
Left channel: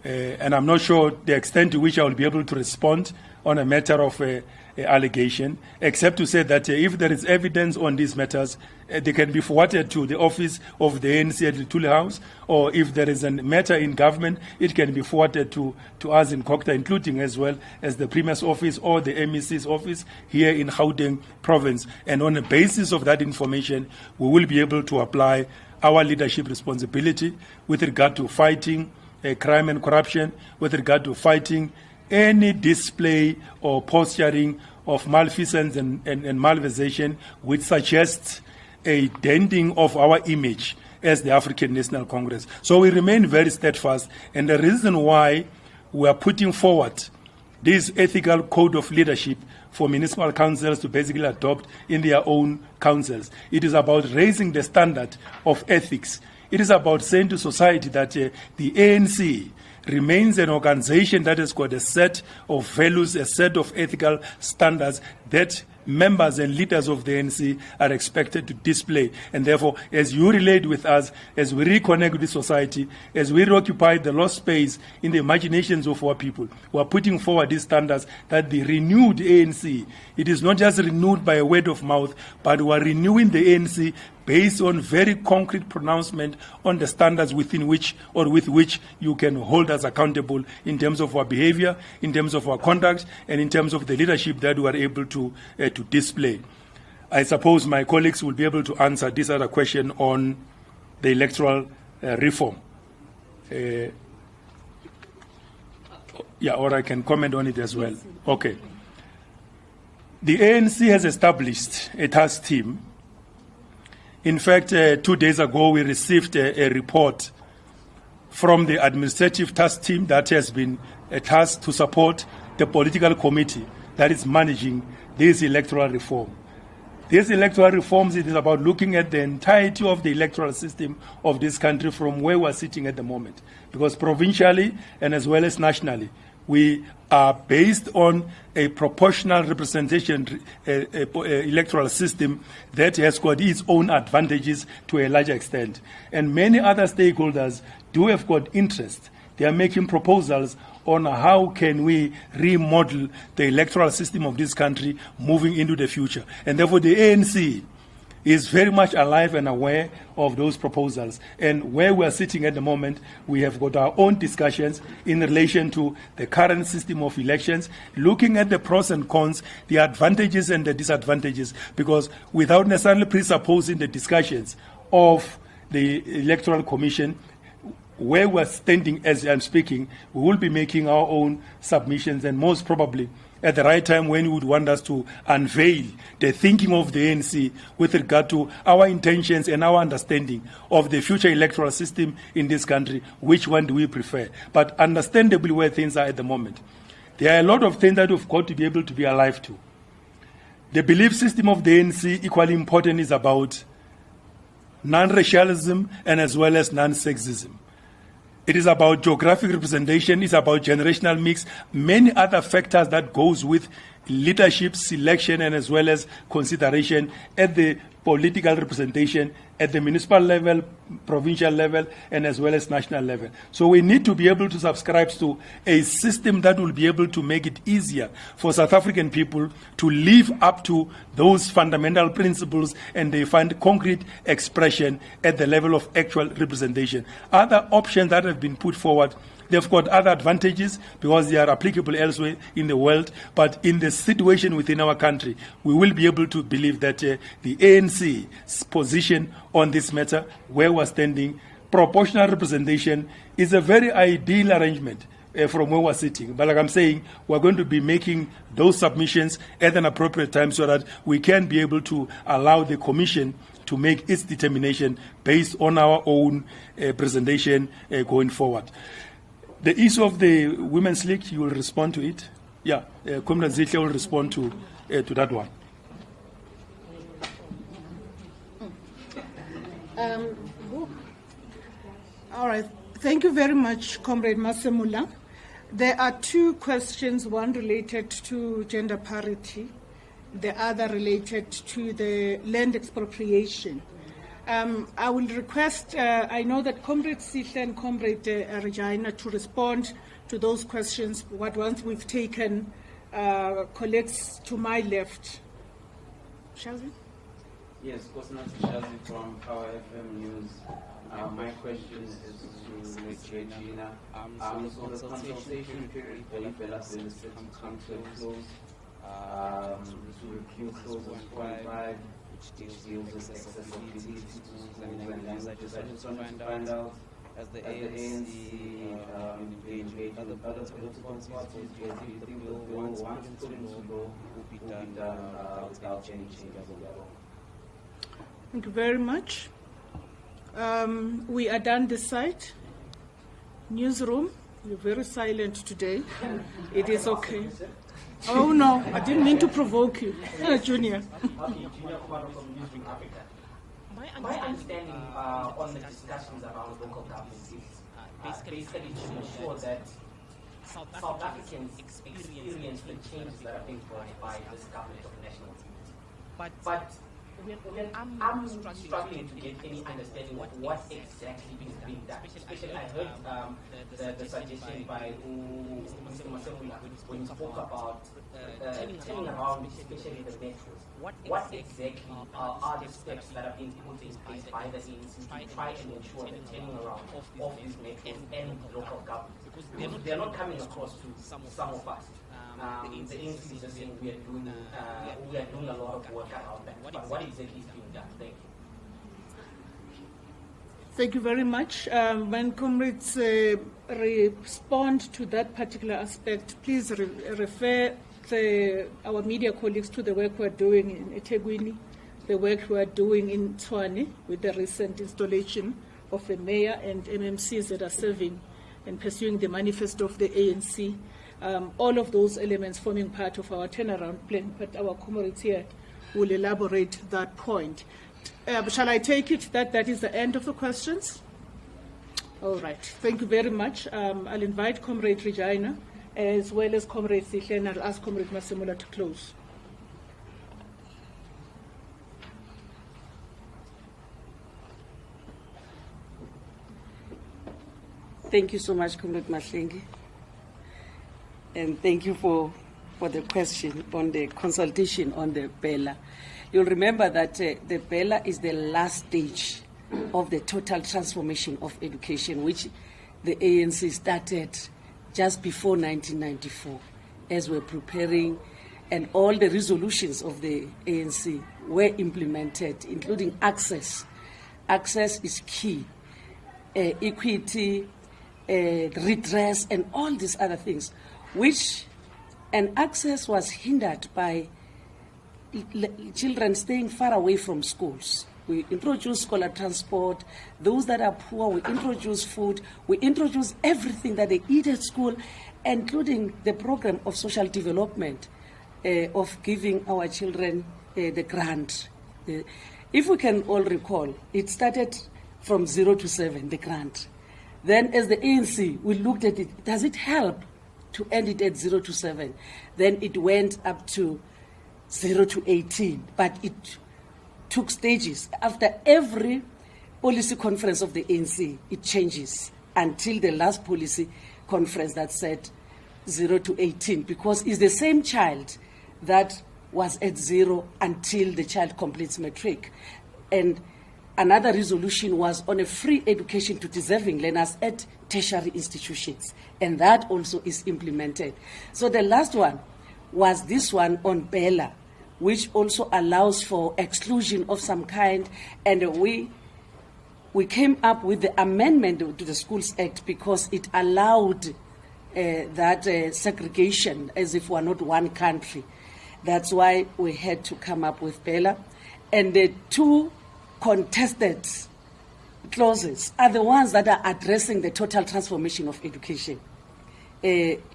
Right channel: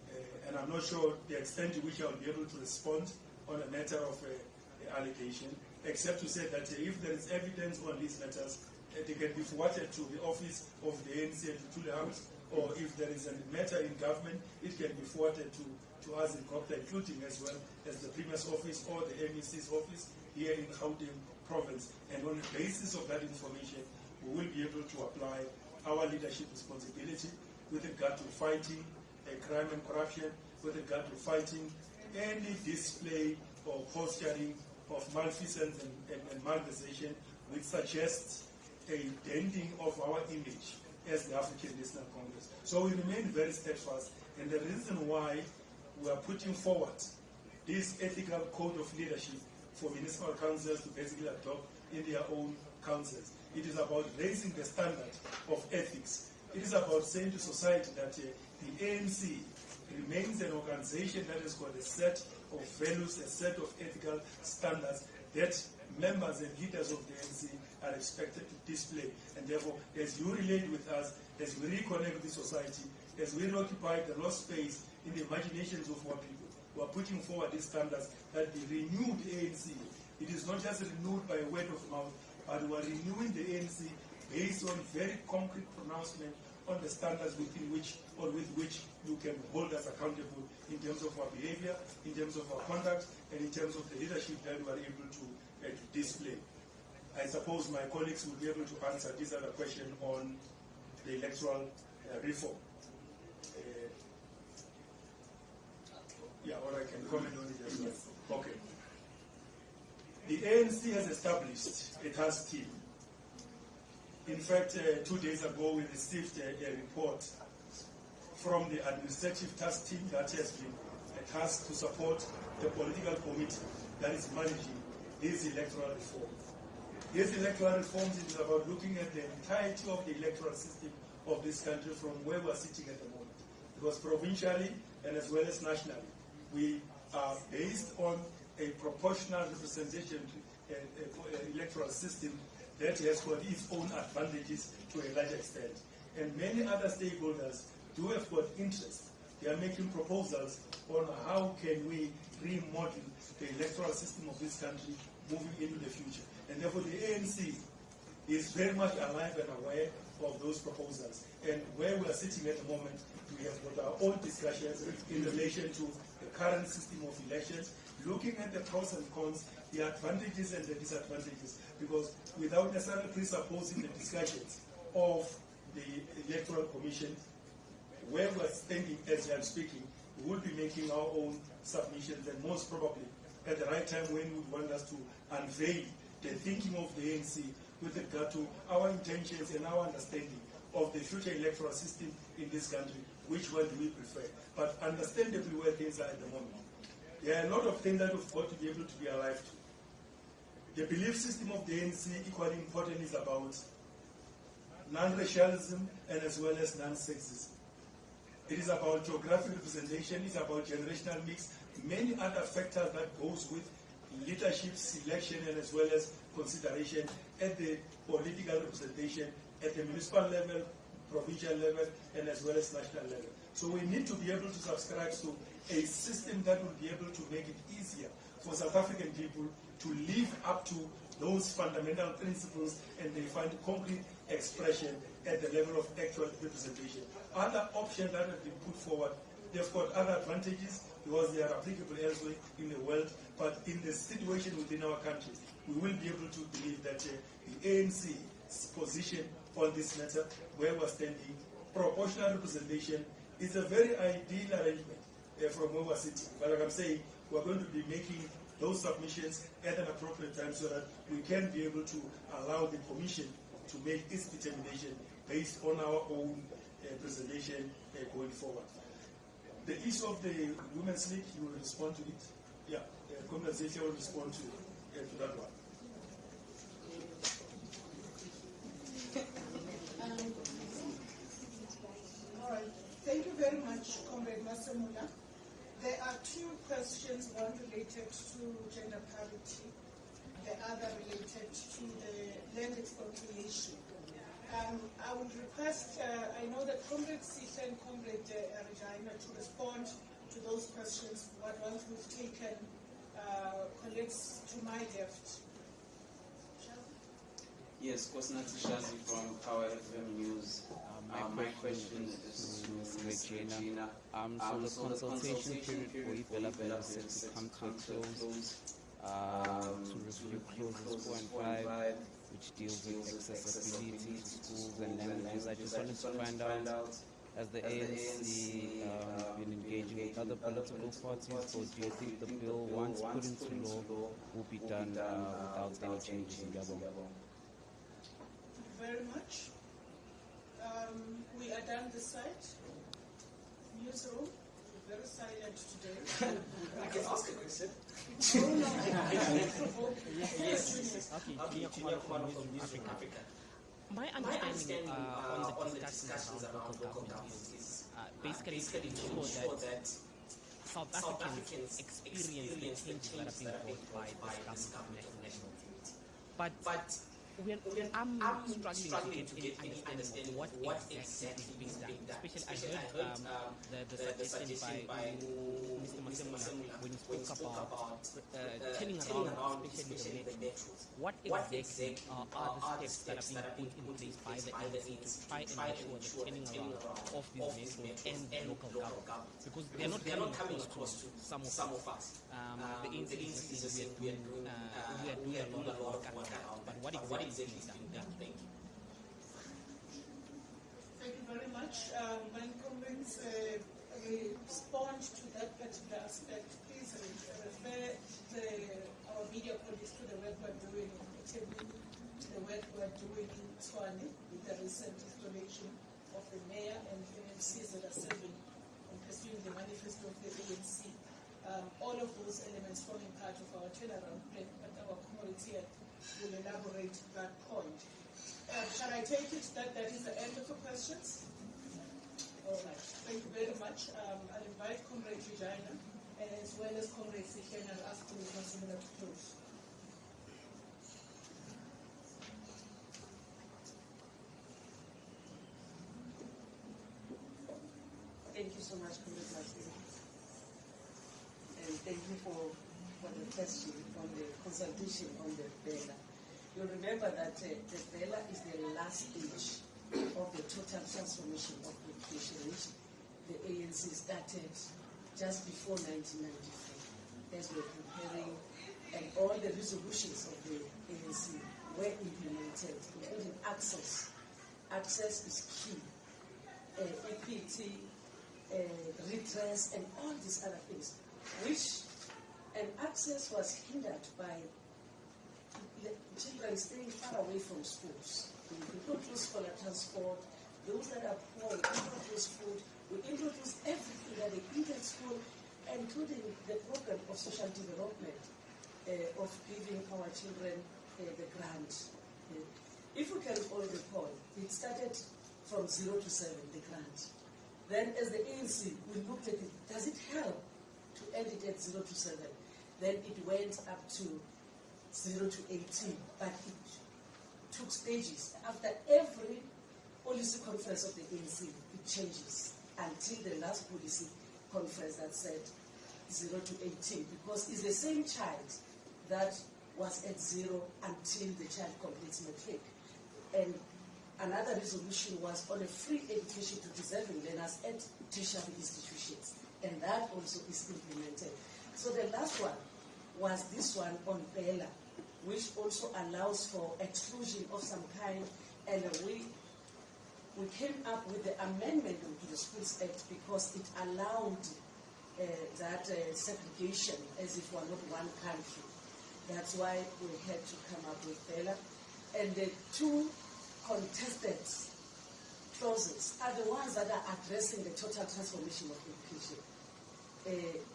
And I'm not sure the extent to which I will be able to respond on a matter of allegation, except to say that if there is evidence on these matters, they can be forwarded to the office of the ANC at the Tule House, or if there is a matter in government, it can be forwarded to us in Kokta, including as well as the Premier's office or the MEC's office here in Gauteng province. And on the basis of that information, we will be able to apply our leadership responsibility with regard to fighting crime and corruption, with regard to fighting any display or posturing of malfeasance and malversation which suggests a denting of our image as the African National Congress. So we remain very steadfast, and the reason why we are putting forward this ethical code of leadership for municipal councils to basically adopt in their own councils, it is about raising the standard of ethics. It is about saying to society that the ANC remains an organization that has got a set of values, a set of ethical standards that members and leaders of the ANC are expected to display. And therefore, as you relate with us, as we reconnect with society, as we reoccupy the lost space in the imaginations of our people, we are putting forward these standards that the renewed ANC, it is not just renewed by a word of mouth, but we are renewing the ANC based on very concrete pronouncement on the standards within which or with which you can hold us accountable in terms of our behavior, in terms of our conduct, and in terms of the leadership that we are able to display. I suppose my colleagues will be able to answer this other question on the electoral reform. Yeah, or I can comment on it as well. Okay. The ANC has established a task team. In fact, 2 days ago, we received a report from the administrative task team that has been tasked to support the political committee that is managing this electoral reform. These electoral reforms, it is about looking at the entirety of the electoral system of this country from where we are sitting at the moment. Because provincially and as well as nationally, we are based on a proportional representation electoral system that has got its own advantages to a large extent. And many other stakeholders do have got interest. They are making proposals on how can we remodel the electoral system of this country moving into the future. And therefore the ANC is very much alive and aware of those proposals. And where we are sitting at the moment, we have got our own discussions in relation to the current system of elections, looking at the pros and cons, the advantages and the disadvantages, because without necessarily presupposing the discussions of the Electoral Commission, where we're standing as I'm speaking, we will be making our own submissions, and most probably at the right time when you would want us to unveil the thinking of the ANC with regard to our intentions and our understanding of the future electoral system in this country, which one do we prefer? But understandably where things are at the moment, there are a lot of things that we've got to be able to be alive to. The belief system of the ANC, equally important, is about non-racialism and as well as non-sexism. It is about geographic representation, it's about generational mix, many other factors that goes with leadership selection and as well as consideration at the political representation at the municipal level, provincial level, and as well as national level. So we need to be able to subscribe to a system that will be able to make it easier for South African people to live up to those fundamental principles, and they find concrete expression at the level of actual representation. Other options that have been put forward They've got other advantages because they are applicable elsewhere in the world. But in the situation within our country, we will be able to believe that the ANC's position on this matter, where we're standing, proportional representation, is a very ideal arrangement from where we're sitting. But like I'm saying, we're going to be making those submissions at an appropriate time so that we can be able to allow the Commission to make its determination based on our own presentation going forward. The issue of the Women's League, you will respond to it? Yeah, Comrade Zihle will respond to that one. All right. Thank you very much, Comrade Masemula. There are two questions, one related to gender parity, the other related to the land expropriation. I will request, I know that Comrade Zihle and Comrade Regina to respond to those questions, once we've taken colleagues to my left. Shall we? Yes, Kosinathi Shazi from Power FM News. My question is to Regina. So the consultation period for Ibella has come to a close. To review clauses 4 and 5, which deals with accessibility to schools and languages. I just wanted to find out, has the ANC been engaging with other political parties, or do you think the bill, once put into law, will be done without any changes in Gabon? Thank you very much. We are done this side. Newsroom, you're very silent today. It is okay. Oh no, I didn't mean to provoke you, Junior. My understanding on the discussions around local government is basically to ensure that South Africans experience the changes that have been brought by this government. But I'm struggling to get any understanding of what exactly is being done. Especially, I heard the suggestion by Mr. Masemula when he spoke about turning around, especially the metros. What exactly are the steps that are being put in place by the ANC to try and ensure the turning around of these metros and local government? Because they're not coming across to some of us. The ANC is saying we are doing a lot of work, but what exactly is being done? Thank you very much. When comrades respond to that particular aspect, please refer our media colleagues to the work we're doing in eThekwini, the work we're doing in Tshwane with the recent installation of the mayor and MMCs that are serving and pursuing the manifesto of the ANC. All of those elements forming part of our turnaround plan, but our comrades here will elaborate that point. Shall I take it that that is the end of the questions? All right. Thank you very much. I'll invite Comrade Regina as well as Comrade Zihle, and I'll ask Comrade Masemula to close. Thank you so much, Comrade Mahlengi. And thank you for the question on the consultation on the BELA. You'll remember that the BELA is the last stage of the total transformation of education, which the ANC started just before 1994, as we're preparing, and all the resolutions of the ANC were implemented, including access. Access is key. Equity, redress, and all these other things, and access was hindered by children staying far away from schools. We introduced scholar transport. Those that are poor, we introduce food. We introduce everything that they eat at school, including the program of social development, of giving our children the grant. If we can all recall, it started from 0 to 7, the grant. Then as the ANC, we looked at it, does it help to end it at 0 to 7? Then it went up to 0 to 18, but it took stages. After every policy conference of the ANC, it changes until the last policy conference that said 0 to 18, because it's the same child that was at 0 until the child completes matric. And another resolution was on a free education to deserving learners at tertiary institutions, and that also is implemented. So the last one was this one on Bella, which also allows for exclusion of some kind, and we came up with the amendment to the Schools Act because it allowed that segregation as if we're not one country. That's why we had to come up with Bella. And the two contested clauses are the ones that are addressing the total transformation of education,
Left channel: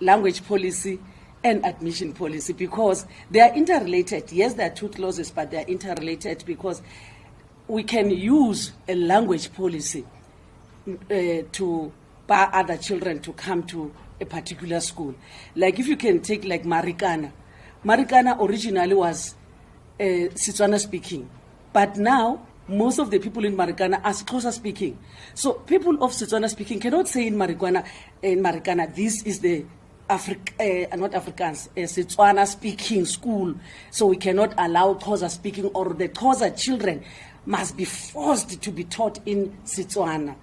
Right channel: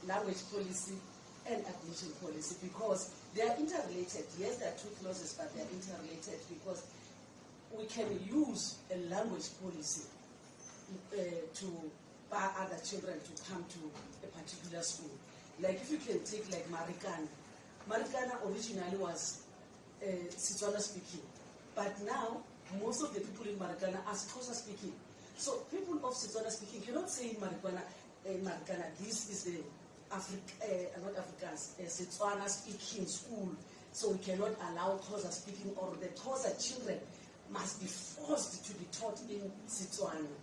language policy and admission policy, because they are interrelated. Yes, there are two clauses, but they are interrelated because we can use a language policy to bar other children to come to a particular school. Like if you can take like Marikana. Marikana originally was Setswana speaking, but now most of the people in Marikana are Xhosa speaking. So people of Setswana speaking cannot say in Marikana, this is the not Afrikaans, Setswana speaking school. So we cannot allow Xhosa speaking, or the Xhosa children must be forced to be taught in Setswana.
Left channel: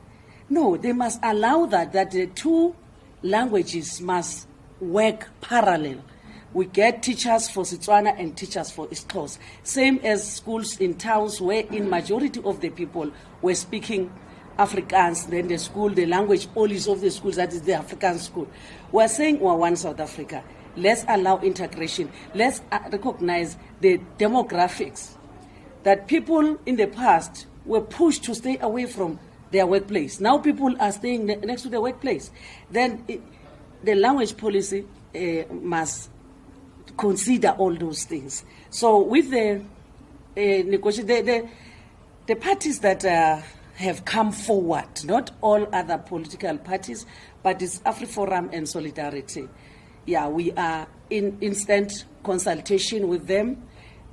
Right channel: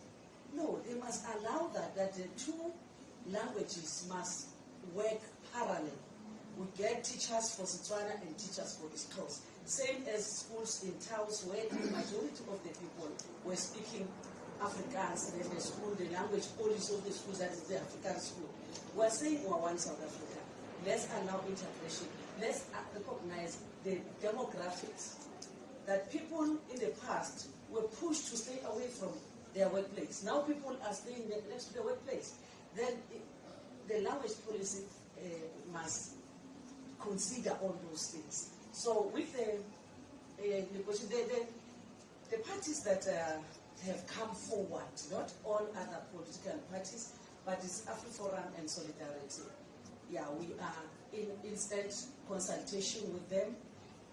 No, they must allow that the two languages must work parallel. We get teachers for Setswana and teachers for Xhosa. Same as schools in towns where in majority of the people were speaking Afrikaans, then the language policy of the schools, that is the African school. We're saying we're one South Africa. Let's allow integration. Let's recognize the demographics, that people in the past were pushed to stay away from their workplace. Now people are staying next to their workplace. Then the language policy must consider all those things. So with the negotiation, the parties that have come forward, not all other political parties, but it's AfriForum and Solidarity. Yeah, we are in instant consultation with them.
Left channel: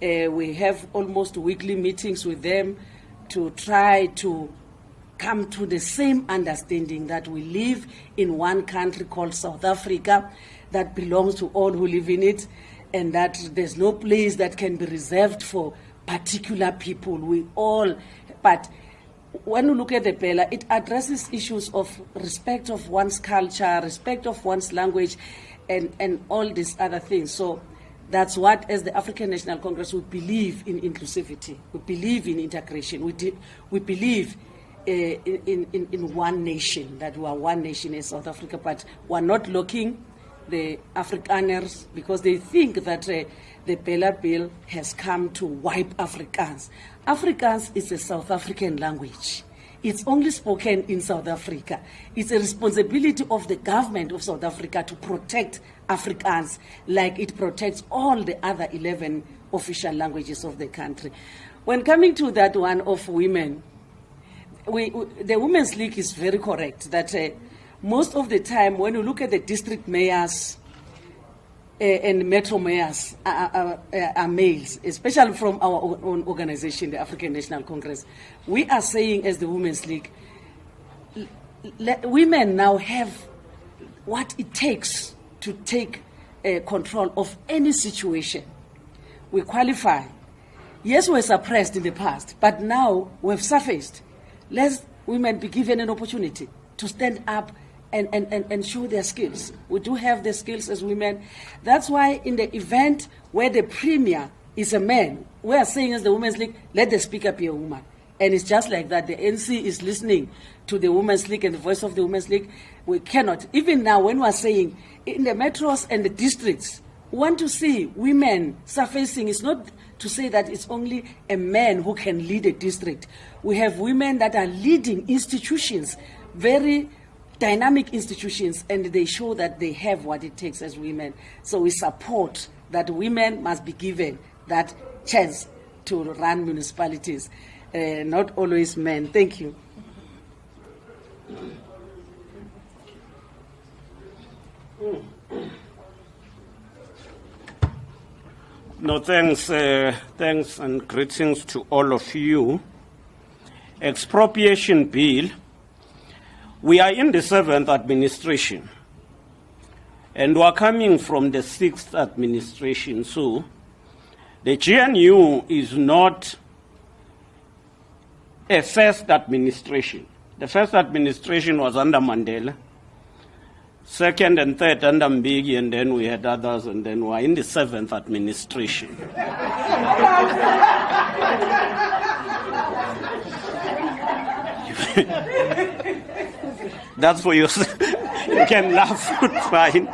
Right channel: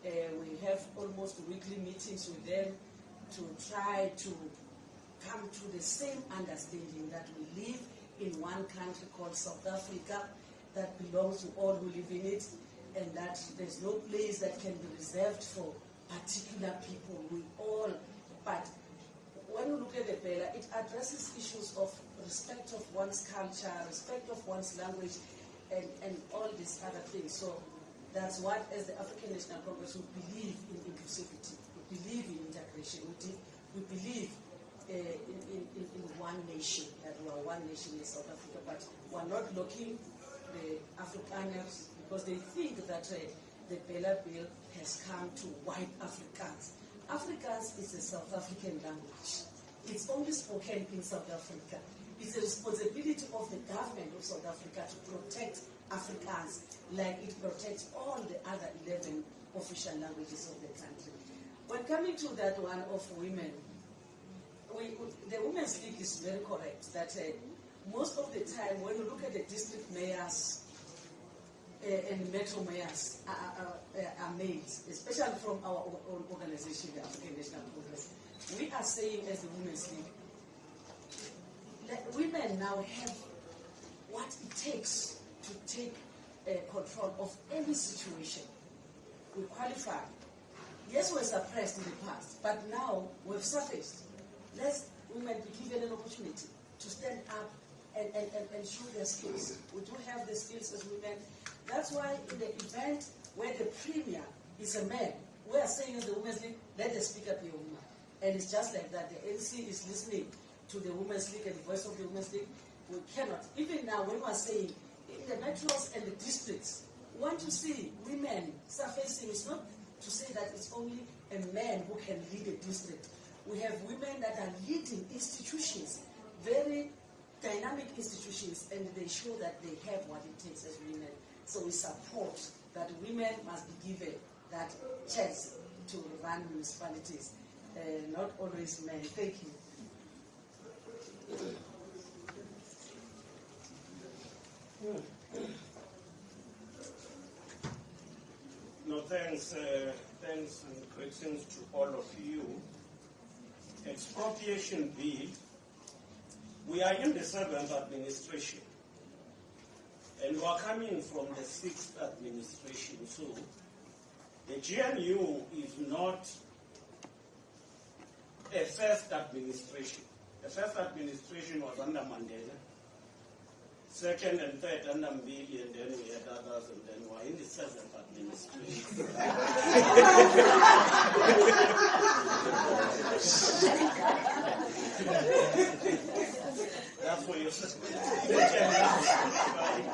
We have almost weekly meetings with them to try to come to the same understanding that we live in one country called South Africa that belongs to all who live in it, and that there's no place that can be reserved for particular people. We all, but when you look at the Bella, it addresses issues of respect of one's culture, respect of one's language, and all these other things. So that's what, as the African National Congress, we believe in inclusivity. We believe in integration. We believe in one nation, that we are one nation in South Africa, but we're not looking the Afrikaners because they think that the Bella Bill has come to wipe Afrikaans. Afrikaans is a South African language. It's only spoken in South Africa. It's a responsibility of the government of South Africa to protect Afrikaans like it protects all the other 11 official languages of the country. When coming to that one of women, the Women's League is very correct that most of the time when you look at the district mayors and metro mayors are males, especially from our own organization, the African National Congress. We are saying as the Women's League, women now have what it takes to take control of any situation. We qualify. Yes, we were suppressed in the past, but now we've surfaced. Let women be given an opportunity to stand up and show their skills. We do have the skills as women. That's why in the event where the premier is a man, we are saying as the Women's League, let the speaker be a woman. And it's just like that. The NC is listening to the Women's League and the voice of the Women's League. We cannot. Even now, when we are saying in the metros and the districts, we want to see women surfacing. It's not to say that it's only a man who can lead a district. We have women that are leading institutions, very dynamic institutions, and they show that they have what it takes as women. So we support that women must be given that chance to run municipalities, not always men. Thank you. No, thanks and greetings to all of you. Expropriation bill. We are in the 7th administration, and we are coming from the 6th administration. So the GNU is not a first administration. The first administration was under Mandela, second and third under Mbeki, and then we had others, and then we are in the seventh administration. That's for you. You can laugh, it's fine.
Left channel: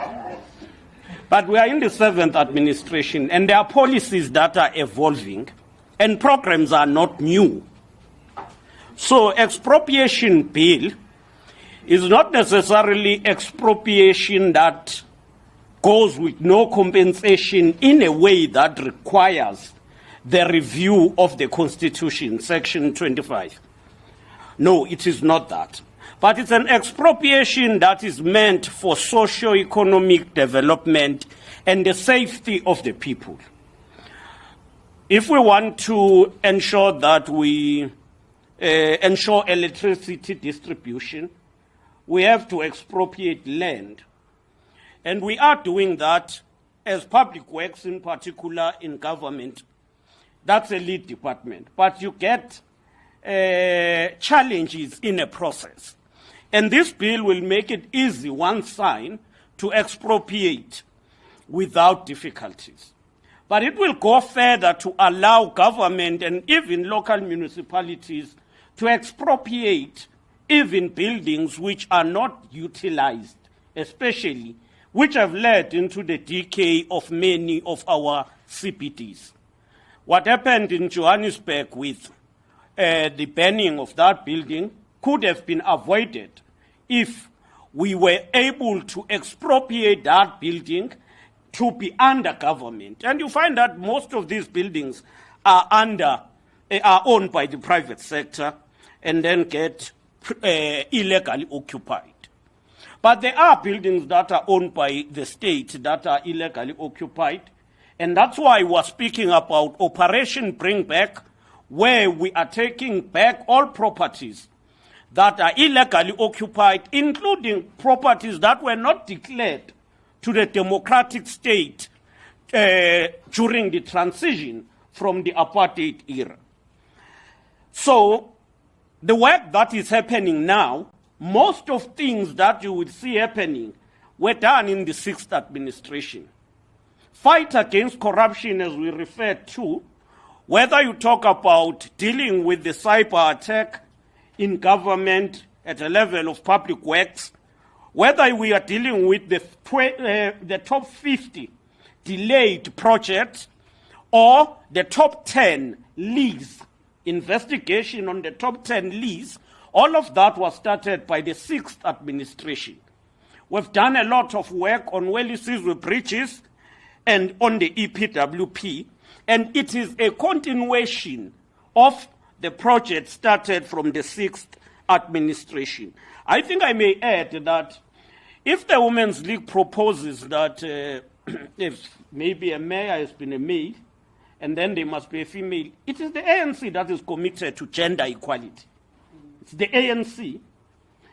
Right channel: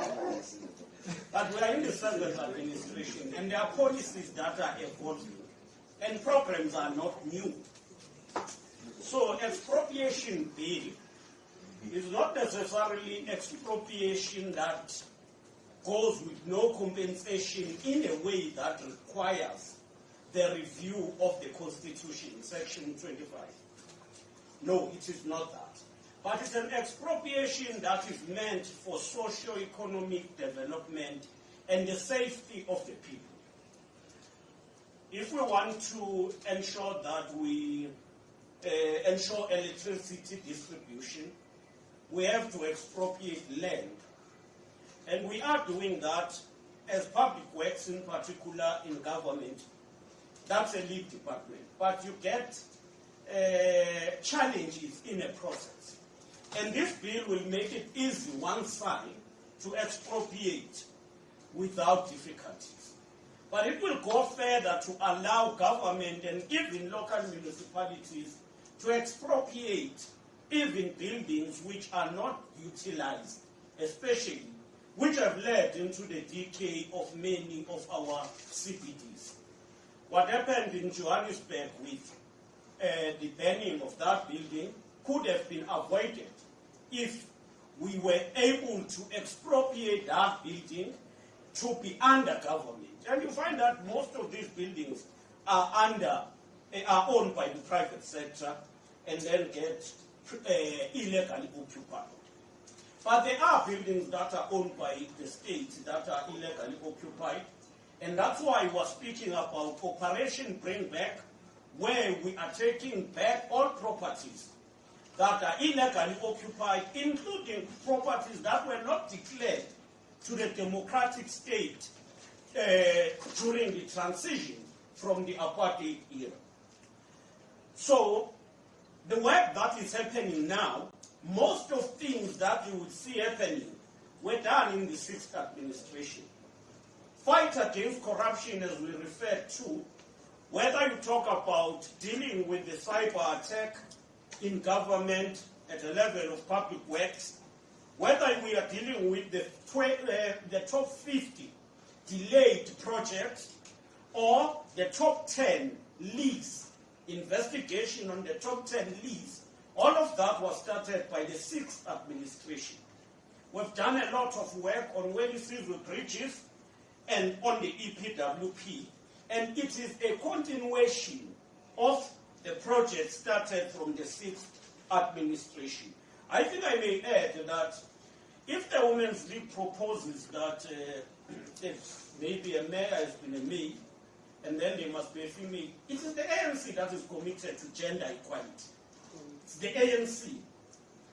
But we are in the seventh administration, and there are policies that are evolving, and programs are not new. So expropriation bill is not necessarily expropriation that goes with no compensation in a way that requires the review of the Constitution, Section 25. No, it is not that. But it's an expropriation that is meant for socio-economic development and the safety of the people. If we want to ensure that we ensure electricity distribution, we have to expropriate land. And we are doing that as public works, in particular in government. That's a lead department. But you get challenges in a process. And this bill will make it easy, one sign, to expropriate without difficulties. But it will go further to allow government and even local municipalities to expropriate even buildings which are not utilized, especially, which have led into the decay of many of our CBDs. What happened in Johannesburg with the burning of that building could have been avoided if we were able to expropriate that building to be under government. And you find that most of these buildings are owned by the private sector and then get illegally occupied. But there are buildings that are owned by the state that are illegally occupied, and that's why we're speaking about Operation Bring Back, where we are taking back all properties that are illegally occupied, including properties that were not declared to the democratic state during the transition from the apartheid era. So the work that is happening now, most of things that you would see happening were done in the sixth administration. Fight against corruption, as we referred to, whether you talk about dealing with the cyber attack in government at a level of public works, whether we are dealing with the top 50 delayed projects or the top 10 lease, investigation on the top 10 lease, all of that was started by the sixth administration. We've done a lot of work on Wellisizwe bridges and on the EPWP, and it is a continuation of the project started from the sixth administration. I think I may add that if the Women's League proposes that if maybe a mayor has been a male and then there must be a female, it is the ANC that is committed to gender equality. It's the ANC.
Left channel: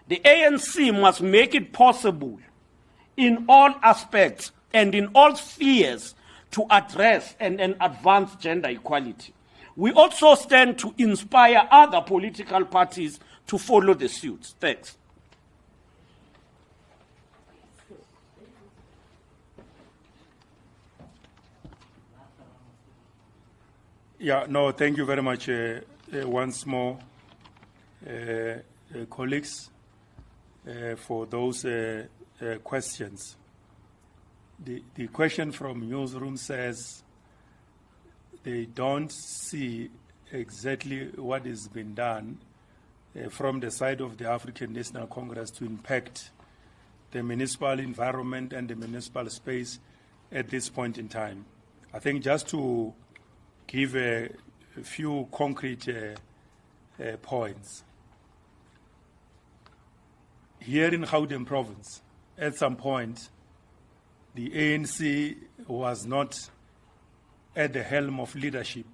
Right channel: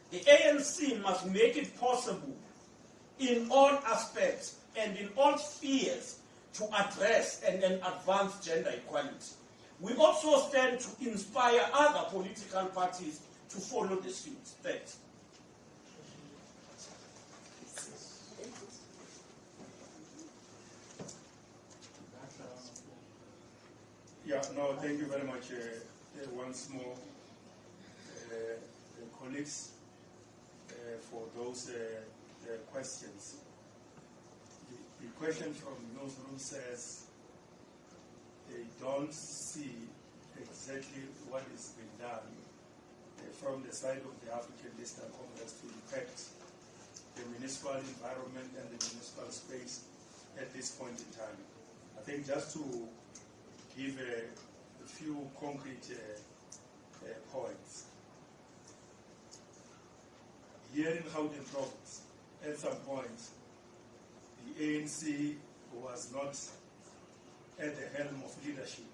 The ANC must make it possible in all aspects and in all spheres to address and advance gender equality. We also stand to inspire other political parties to follow the suit. Thanks. Yeah, no, thank you very much once more, colleagues, for those questions. The question from newsroom says they don't see exactly what has been done from the side of the African National Congress to impact the municipal environment and the municipal space at this point in time. I think just to give a few concrete points. Here in Gauteng province, at some point, the ANC was not at the helm of leadership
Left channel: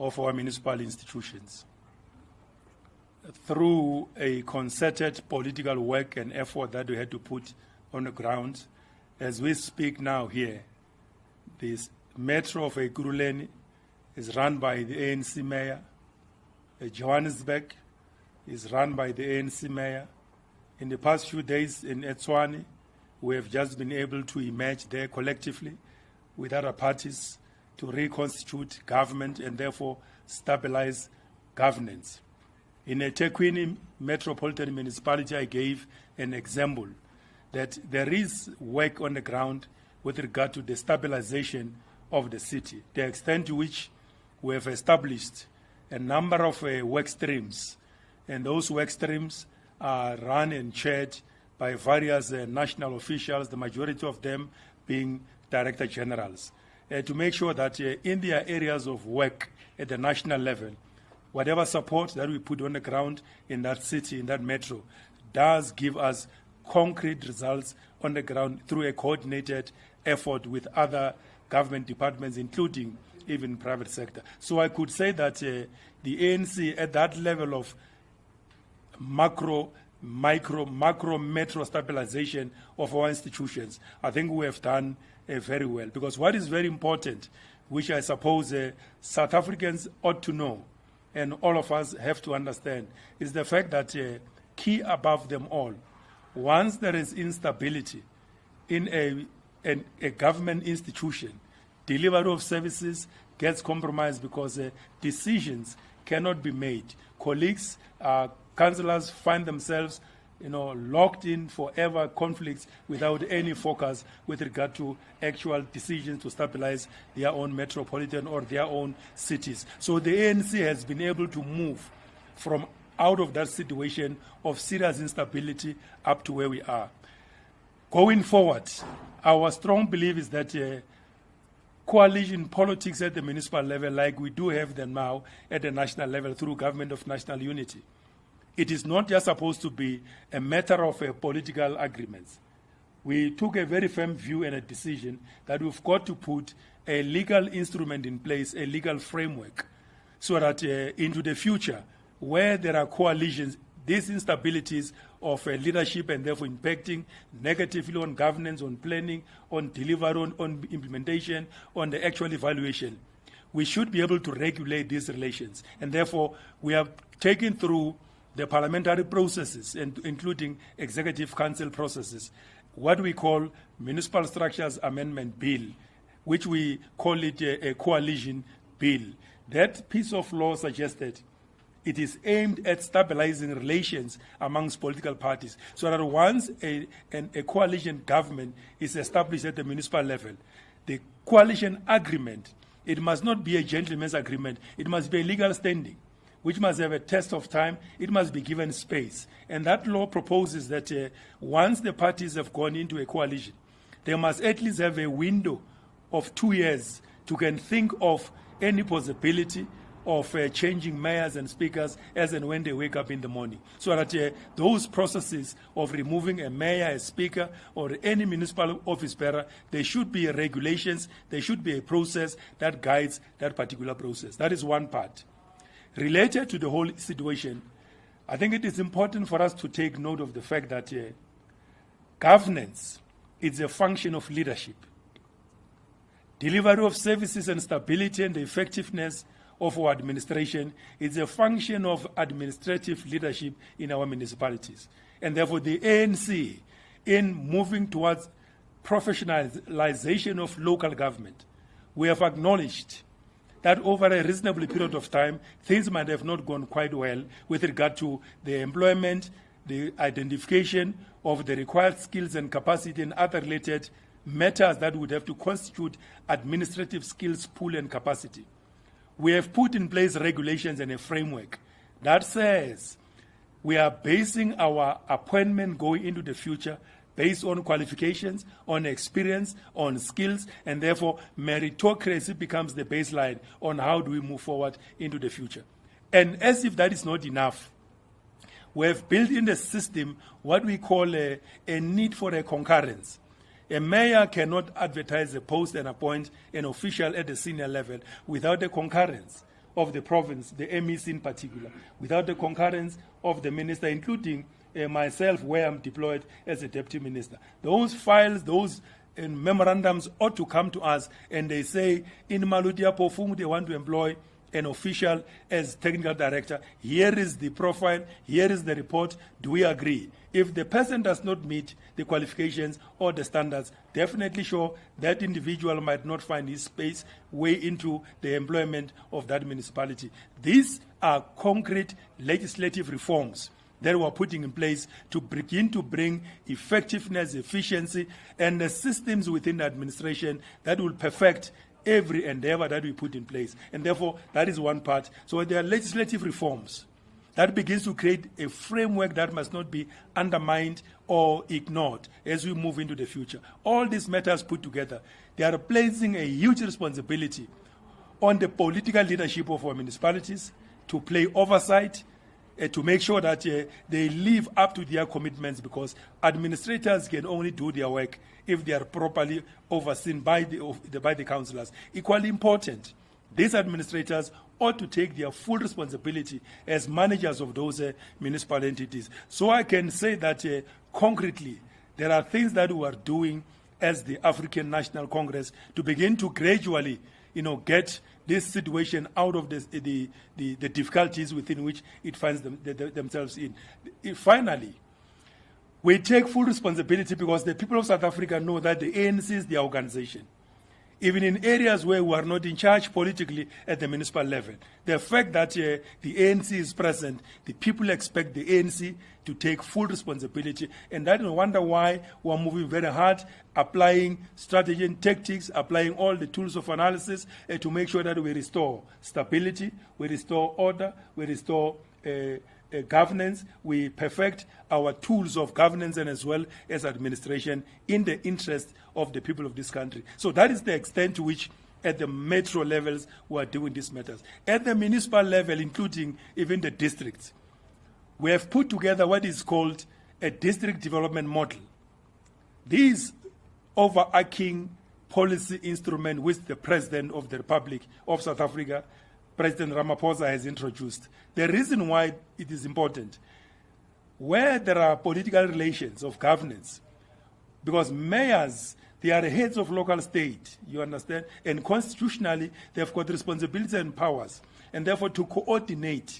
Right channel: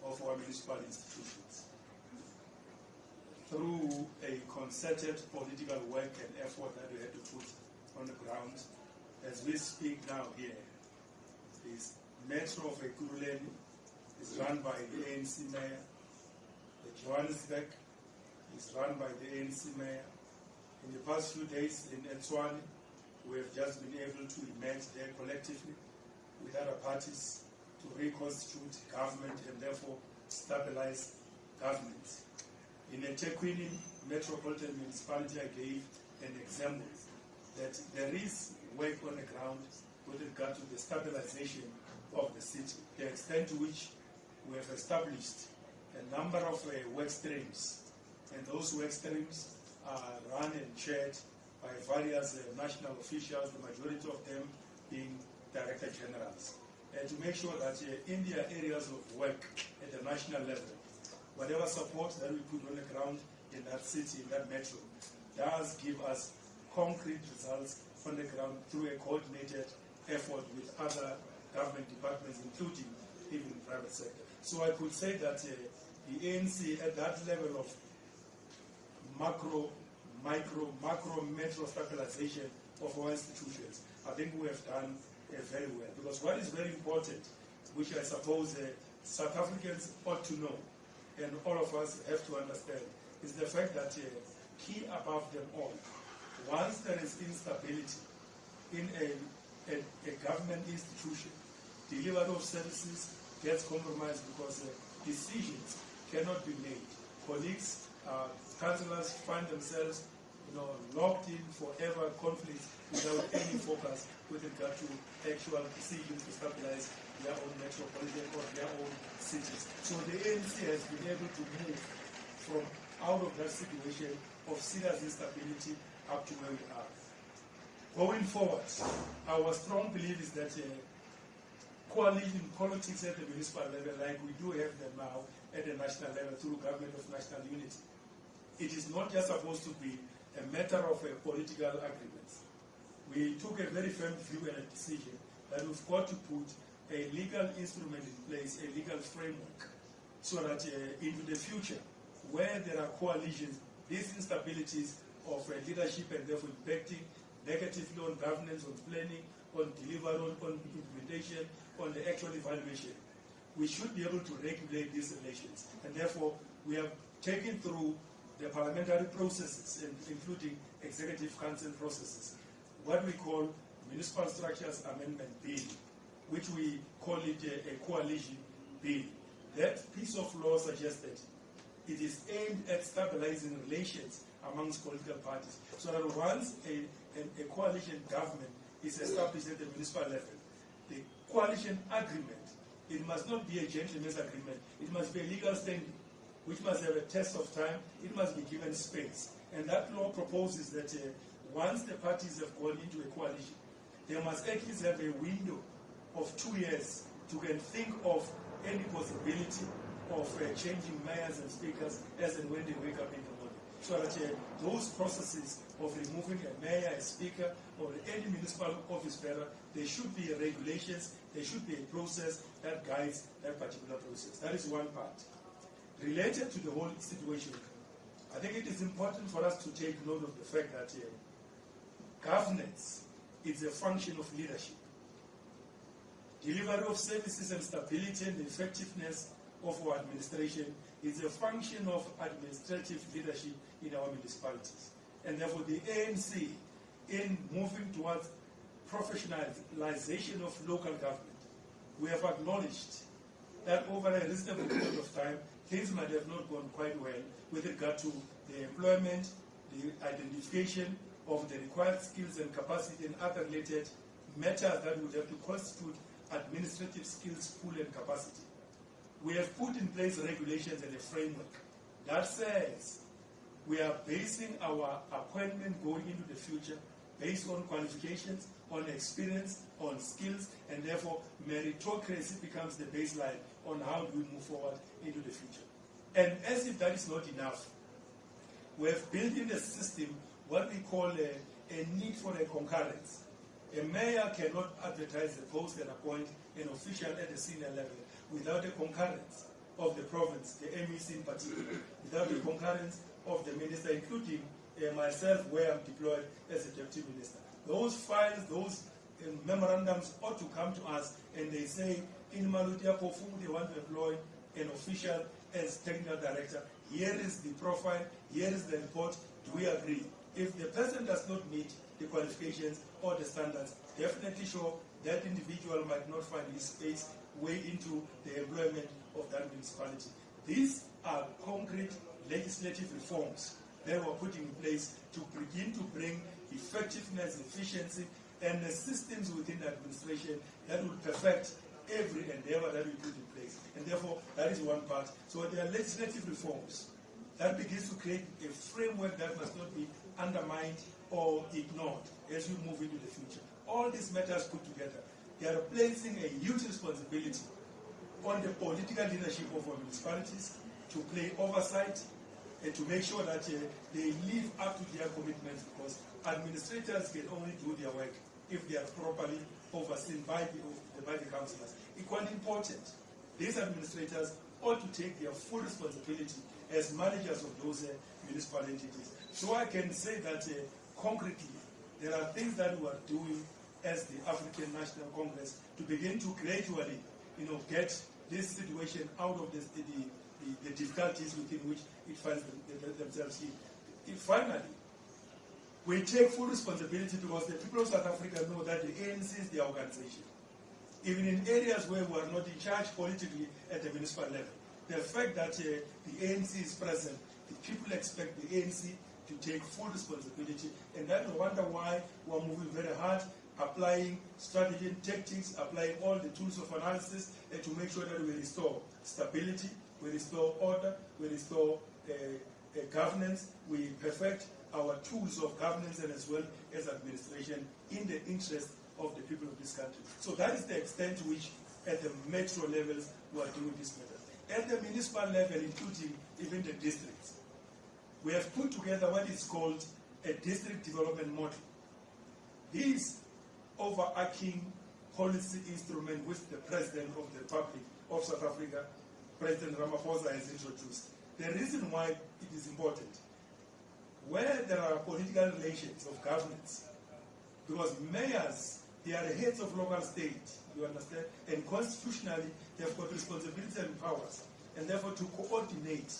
of our municipal institutions. Through a concerted political work and effort that we had to put on the ground, as we speak now here, this metro of Ekurhuleni is run by the ANC mayor. Johannesburg is run by the ANC mayor. In the past few days in Etswani, we have just been able to emerge there collectively with other parties to reconstitute government and therefore stabilize governance. In a eThekwini metropolitan municipality, I gave an example that there is work on the ground with regard to the stabilization of the city, the extent to which we have established a number of work streams, and those work streams are run and chaired by various national officials, the majority of them being director generals, to make sure that in their areas of work at the national level, whatever support that we put on the ground in that city, in that metro, does give us concrete results on the ground through a coordinated effort with other government departments, including even private sector. So I could say that the ANC at that level of macro, metro stabilization of our institutions, I think we have done very well. Because what is very important, which I suppose South Africans ought to know, and all of us have to understand, is the fact that key above them all, once there is instability in a government institution, delivery of services gets compromised because decisions cannot be made. Colleagues, councillors find themselves, locked in forever conflicts without any focus with regard to actual decisions to stabilize their own metropolitan or their own cities. So the ANC has been able to move from out of that situation of serious instability up to where we are. Going forward, our strong belief is that coalition politics at the municipal level, like we do have them now at the national level through government of national unity, it is not just supposed to be a matter of political agreements. We took a very firm view and a decision that we've got to put a legal instrument in place, a legal framework, so that into the future, where there are coalitions, these instabilities of leadership and therefore impacting negatively on governance, on planning, on delivery, on implementation, on the actual evaluation, we should be able to regulate these relations. And therefore, we have taken through the parliamentary processes, and including executive council processes, what we call Municipal Structures Amendment Bill, which we call it a coalition bill. That piece of law suggested it is aimed at stabilizing relations amongst political parties, so that once a coalition government is established at the municipal level, the coalition agreement, it must not be a gentleman's agreement, it must be a legal standing, which must have a test of time, it must be given space. And that law proposes that once the parties have gone into a coalition, they must at least have a window of 2 years to can think of any possibility of changing mayors and speakers as and when they wake up in the morning. So that those processes of removing a mayor, a speaker, or any municipal office bearer, there should be regulations, there should be a process that guides that particular process. That is one part. Related to the whole situation, I think it is important for us to take note of the fact that governance is a function of leadership. Delivery of services and stability and the effectiveness of our administration is a function of administrative leadership in our municipalities. And therefore the ANC, in moving towards professionalization of local government, we have acknowledged that over a reasonable period of time, things might have not gone quite well with regard to the employment, the identification of the required skills and capacity and other related matters that would have to constitute administrative skills pool and capacity. We have put in place regulations and a framework that says we are basing our appointment going into the future based on qualifications, on experience, on skills, and therefore meritocracy becomes the baseline on how do we move forward into the future. And as if that is not enough, we have built in the system what we call a need for a concurrence. A mayor cannot advertise a post and appoint an official at the senior level without the concurrence of the province, the MEC in particular, without the concurrence of the minister, including myself, where I'm deployed as a deputy minister. Those files, those memorandums ought to come to us, and they say, in Maludia Pofung, they want to employ an official as technical director, here is the profile, here is the report, do we agree? If the person does not meet the qualifications or the standards, definitely sure that individual might not find his space way into the employment of that municipality. These are concrete legislative reforms that we're putting in place to begin to bring effectiveness, efficiency, and the systems within the administration that will perfect every endeavor that we put in place. And therefore, that is one part. So there are legislative reforms that begins to create a framework that must not be undermined or ignored as we move into the future. All these matters put together, they are placing a huge responsibility on the political leadership of our municipalities to play oversight, to make sure that they live up to their commitments, because administrators can only do their work if they are properly overseen by the councillors. Equally important, these administrators ought to take their full responsibility as managers of those municipal entities. So I can say that concretely, there are things that we are doing as the African National Congress to begin to gradually, get this situation out of the difficulties within which it finds themselves in. Finally, we take full responsibility because the people of South Africa know that the ANC is their organization. Even in areas where we are not in charge politically at the municipal level, the fact that the ANC is present, the people expect the ANC to take full responsibility. And I don't wonder why we are moving very hard, applying strategy and tactics, applying all the tools of analysis to make sure that we restore stability, we restore order, we restore governance, we perfect our tools of governance and as well as administration in the interest of the people of this country. So that is the extent to which at the metro levels we are doing these matters. At the municipal level, including even the districts, we have put together what is called a district development model. These overarching policy instrument which the President of the Republic of South Africa, President Ramaphosa, has introduced. The reason why it is important, where there are political relations of governance, because mayors, they are the heads of local state, you understand? And constitutionally, they've got responsibilities and powers. And therefore, to coordinate,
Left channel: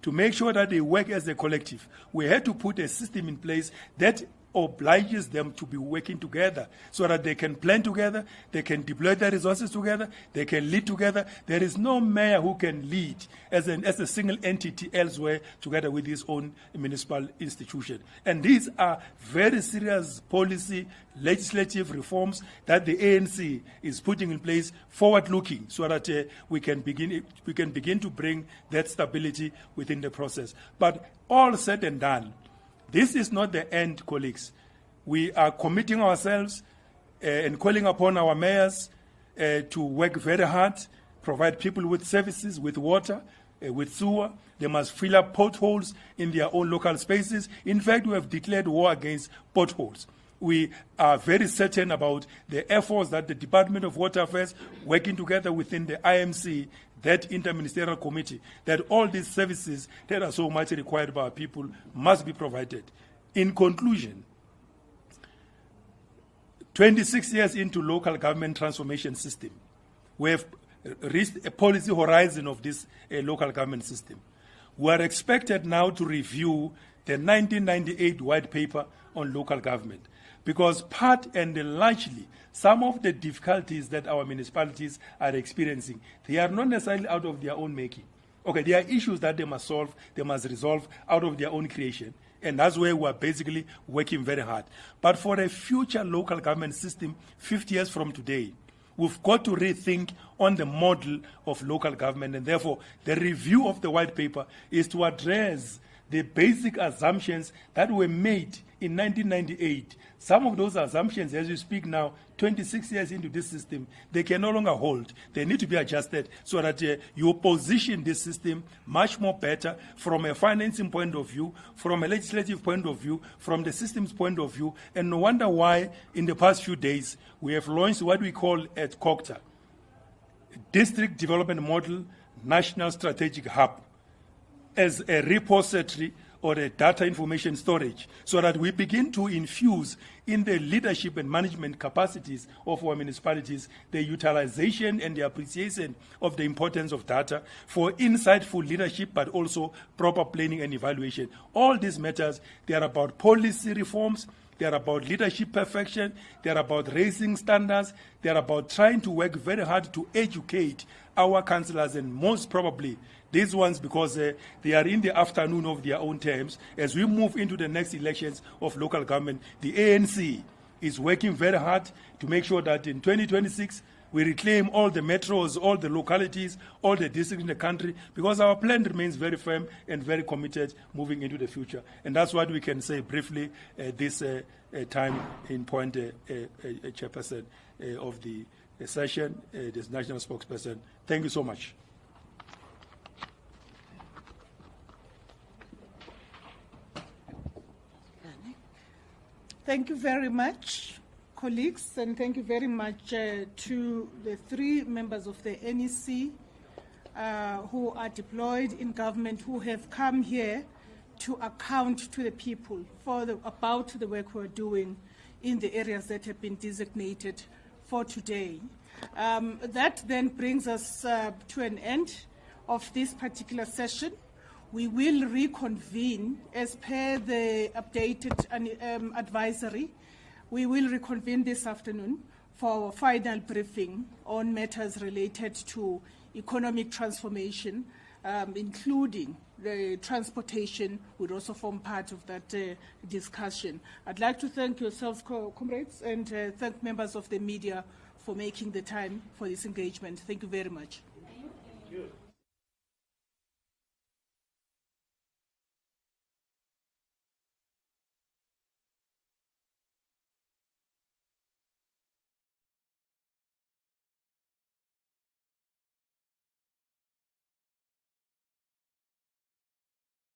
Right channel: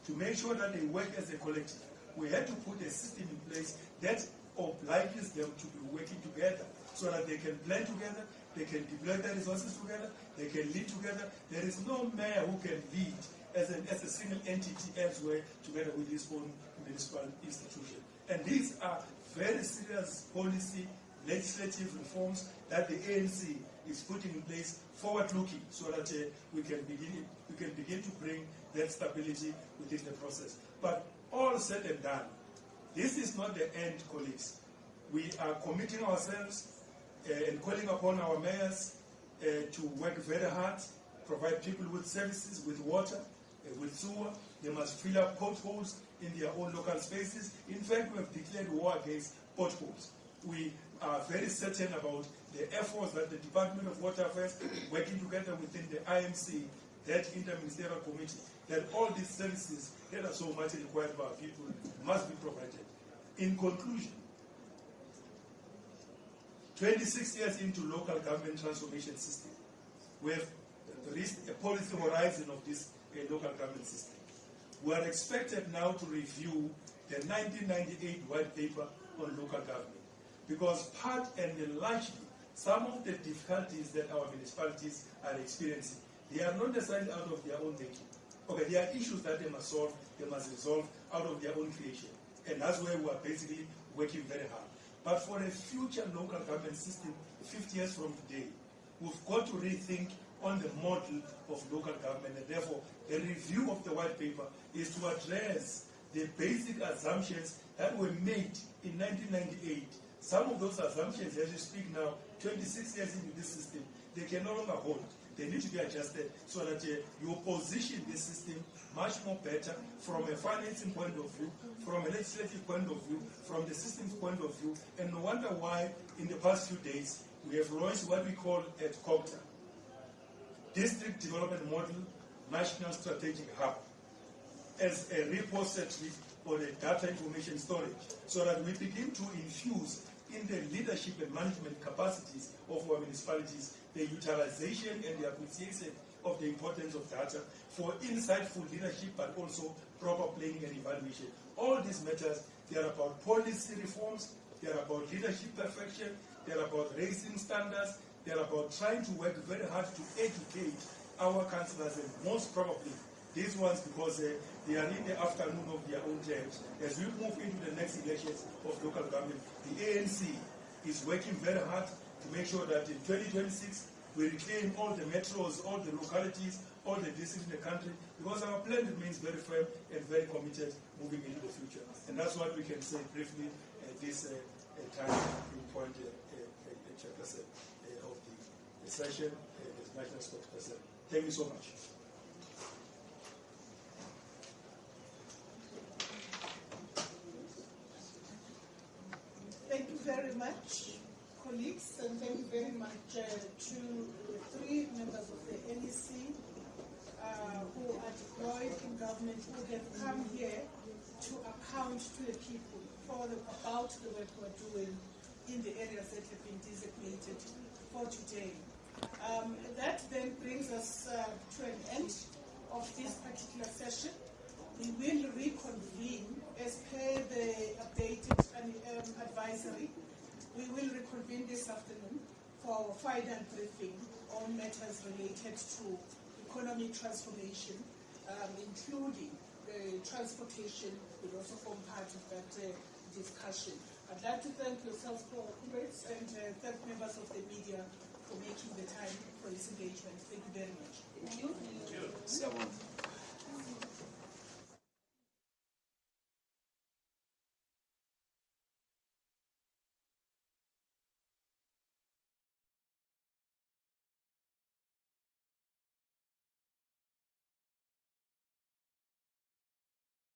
to make sure that they work as a collective, we had to put a system in place that obliges them to be working together so that they can plan together, they can deploy their resources together, they can lead together. There is no mayor who can lead as a single entity elsewhere together with his own municipal institution. And these are very serious policy, legislative reforms that the ANC is putting in place, forward-looking, so that we can begin to bring that stability within the process. But all said and done, this is not the end, colleagues. We are committing ourselves and calling upon our mayors to work very hard, provide people with services, with water, with sewer. They must fill up potholes in their own local spaces. In fact, we have declared war against potholes. We are very certain about the efforts that the Department of Water Affairs, working together within the IMC, that interministerial committee, that all these services that are so much required by our people must be provided. In conclusion, 26 years into local government transformation system, we have reached a policy horizon of this local government system. We are expected now to review the 1998 white paper on local government, because part and largely some of the difficulties that our municipalities are experiencing, they are not necessarily out of their own making. Okay, there are issues that they must solve, they must resolve out of their own creation. And that's where we're basically working very hard. But for a future local government system, 50 years from today, we've got to rethink on the model of local government. And therefore, the review of the white paper is to address the basic assumptions that were made in 1998. Some of those assumptions, as we speak now, 26 years into this system, they can no longer hold. They need to be adjusted so that you position this system much more better from a financing point of view, from a legislative point of view, from the system's point of view. And no wonder why in the past few days we have launched what we call at COCTA, District Development Model National Strategic Hub, as a repository or a data information storage, so that we begin to infuse in the leadership and management capacities of our municipalities, the utilization and the appreciation of the importance of data for insightful leadership, but also proper planning and evaluation. All these matters, they are about policy reforms, they are about leadership perfection, they are about raising standards, they are about trying to work very hard to educate our councillors, and most probably these ones, because they are in the afternoon of their own terms. As we move into the next elections of local government, the ANC is working very hard to make sure that in 2026 we reclaim all the metros, all the localities, all the districts in the country, because our plan remains very firm and very committed moving into the future. And that's what we can say briefly this time in point chairperson of the session, this national spokesperson. Thank you so much. Thank you very much, colleagues, and thank you very much to the 3 members of the NEC who are deployed in government, who have come here to account to the people about the work we're doing in the areas that have been designated for today. That then brings us to an end of this particular session. We will reconvene as per the updated advisory. We will reconvene this afternoon for our final briefing on matters related to economic transformation, including the transportation would also form part of that discussion. I'd like to thank yourselves, comrades, and thank members of the media for making the time for this engagement. Thank you very much. Thank you.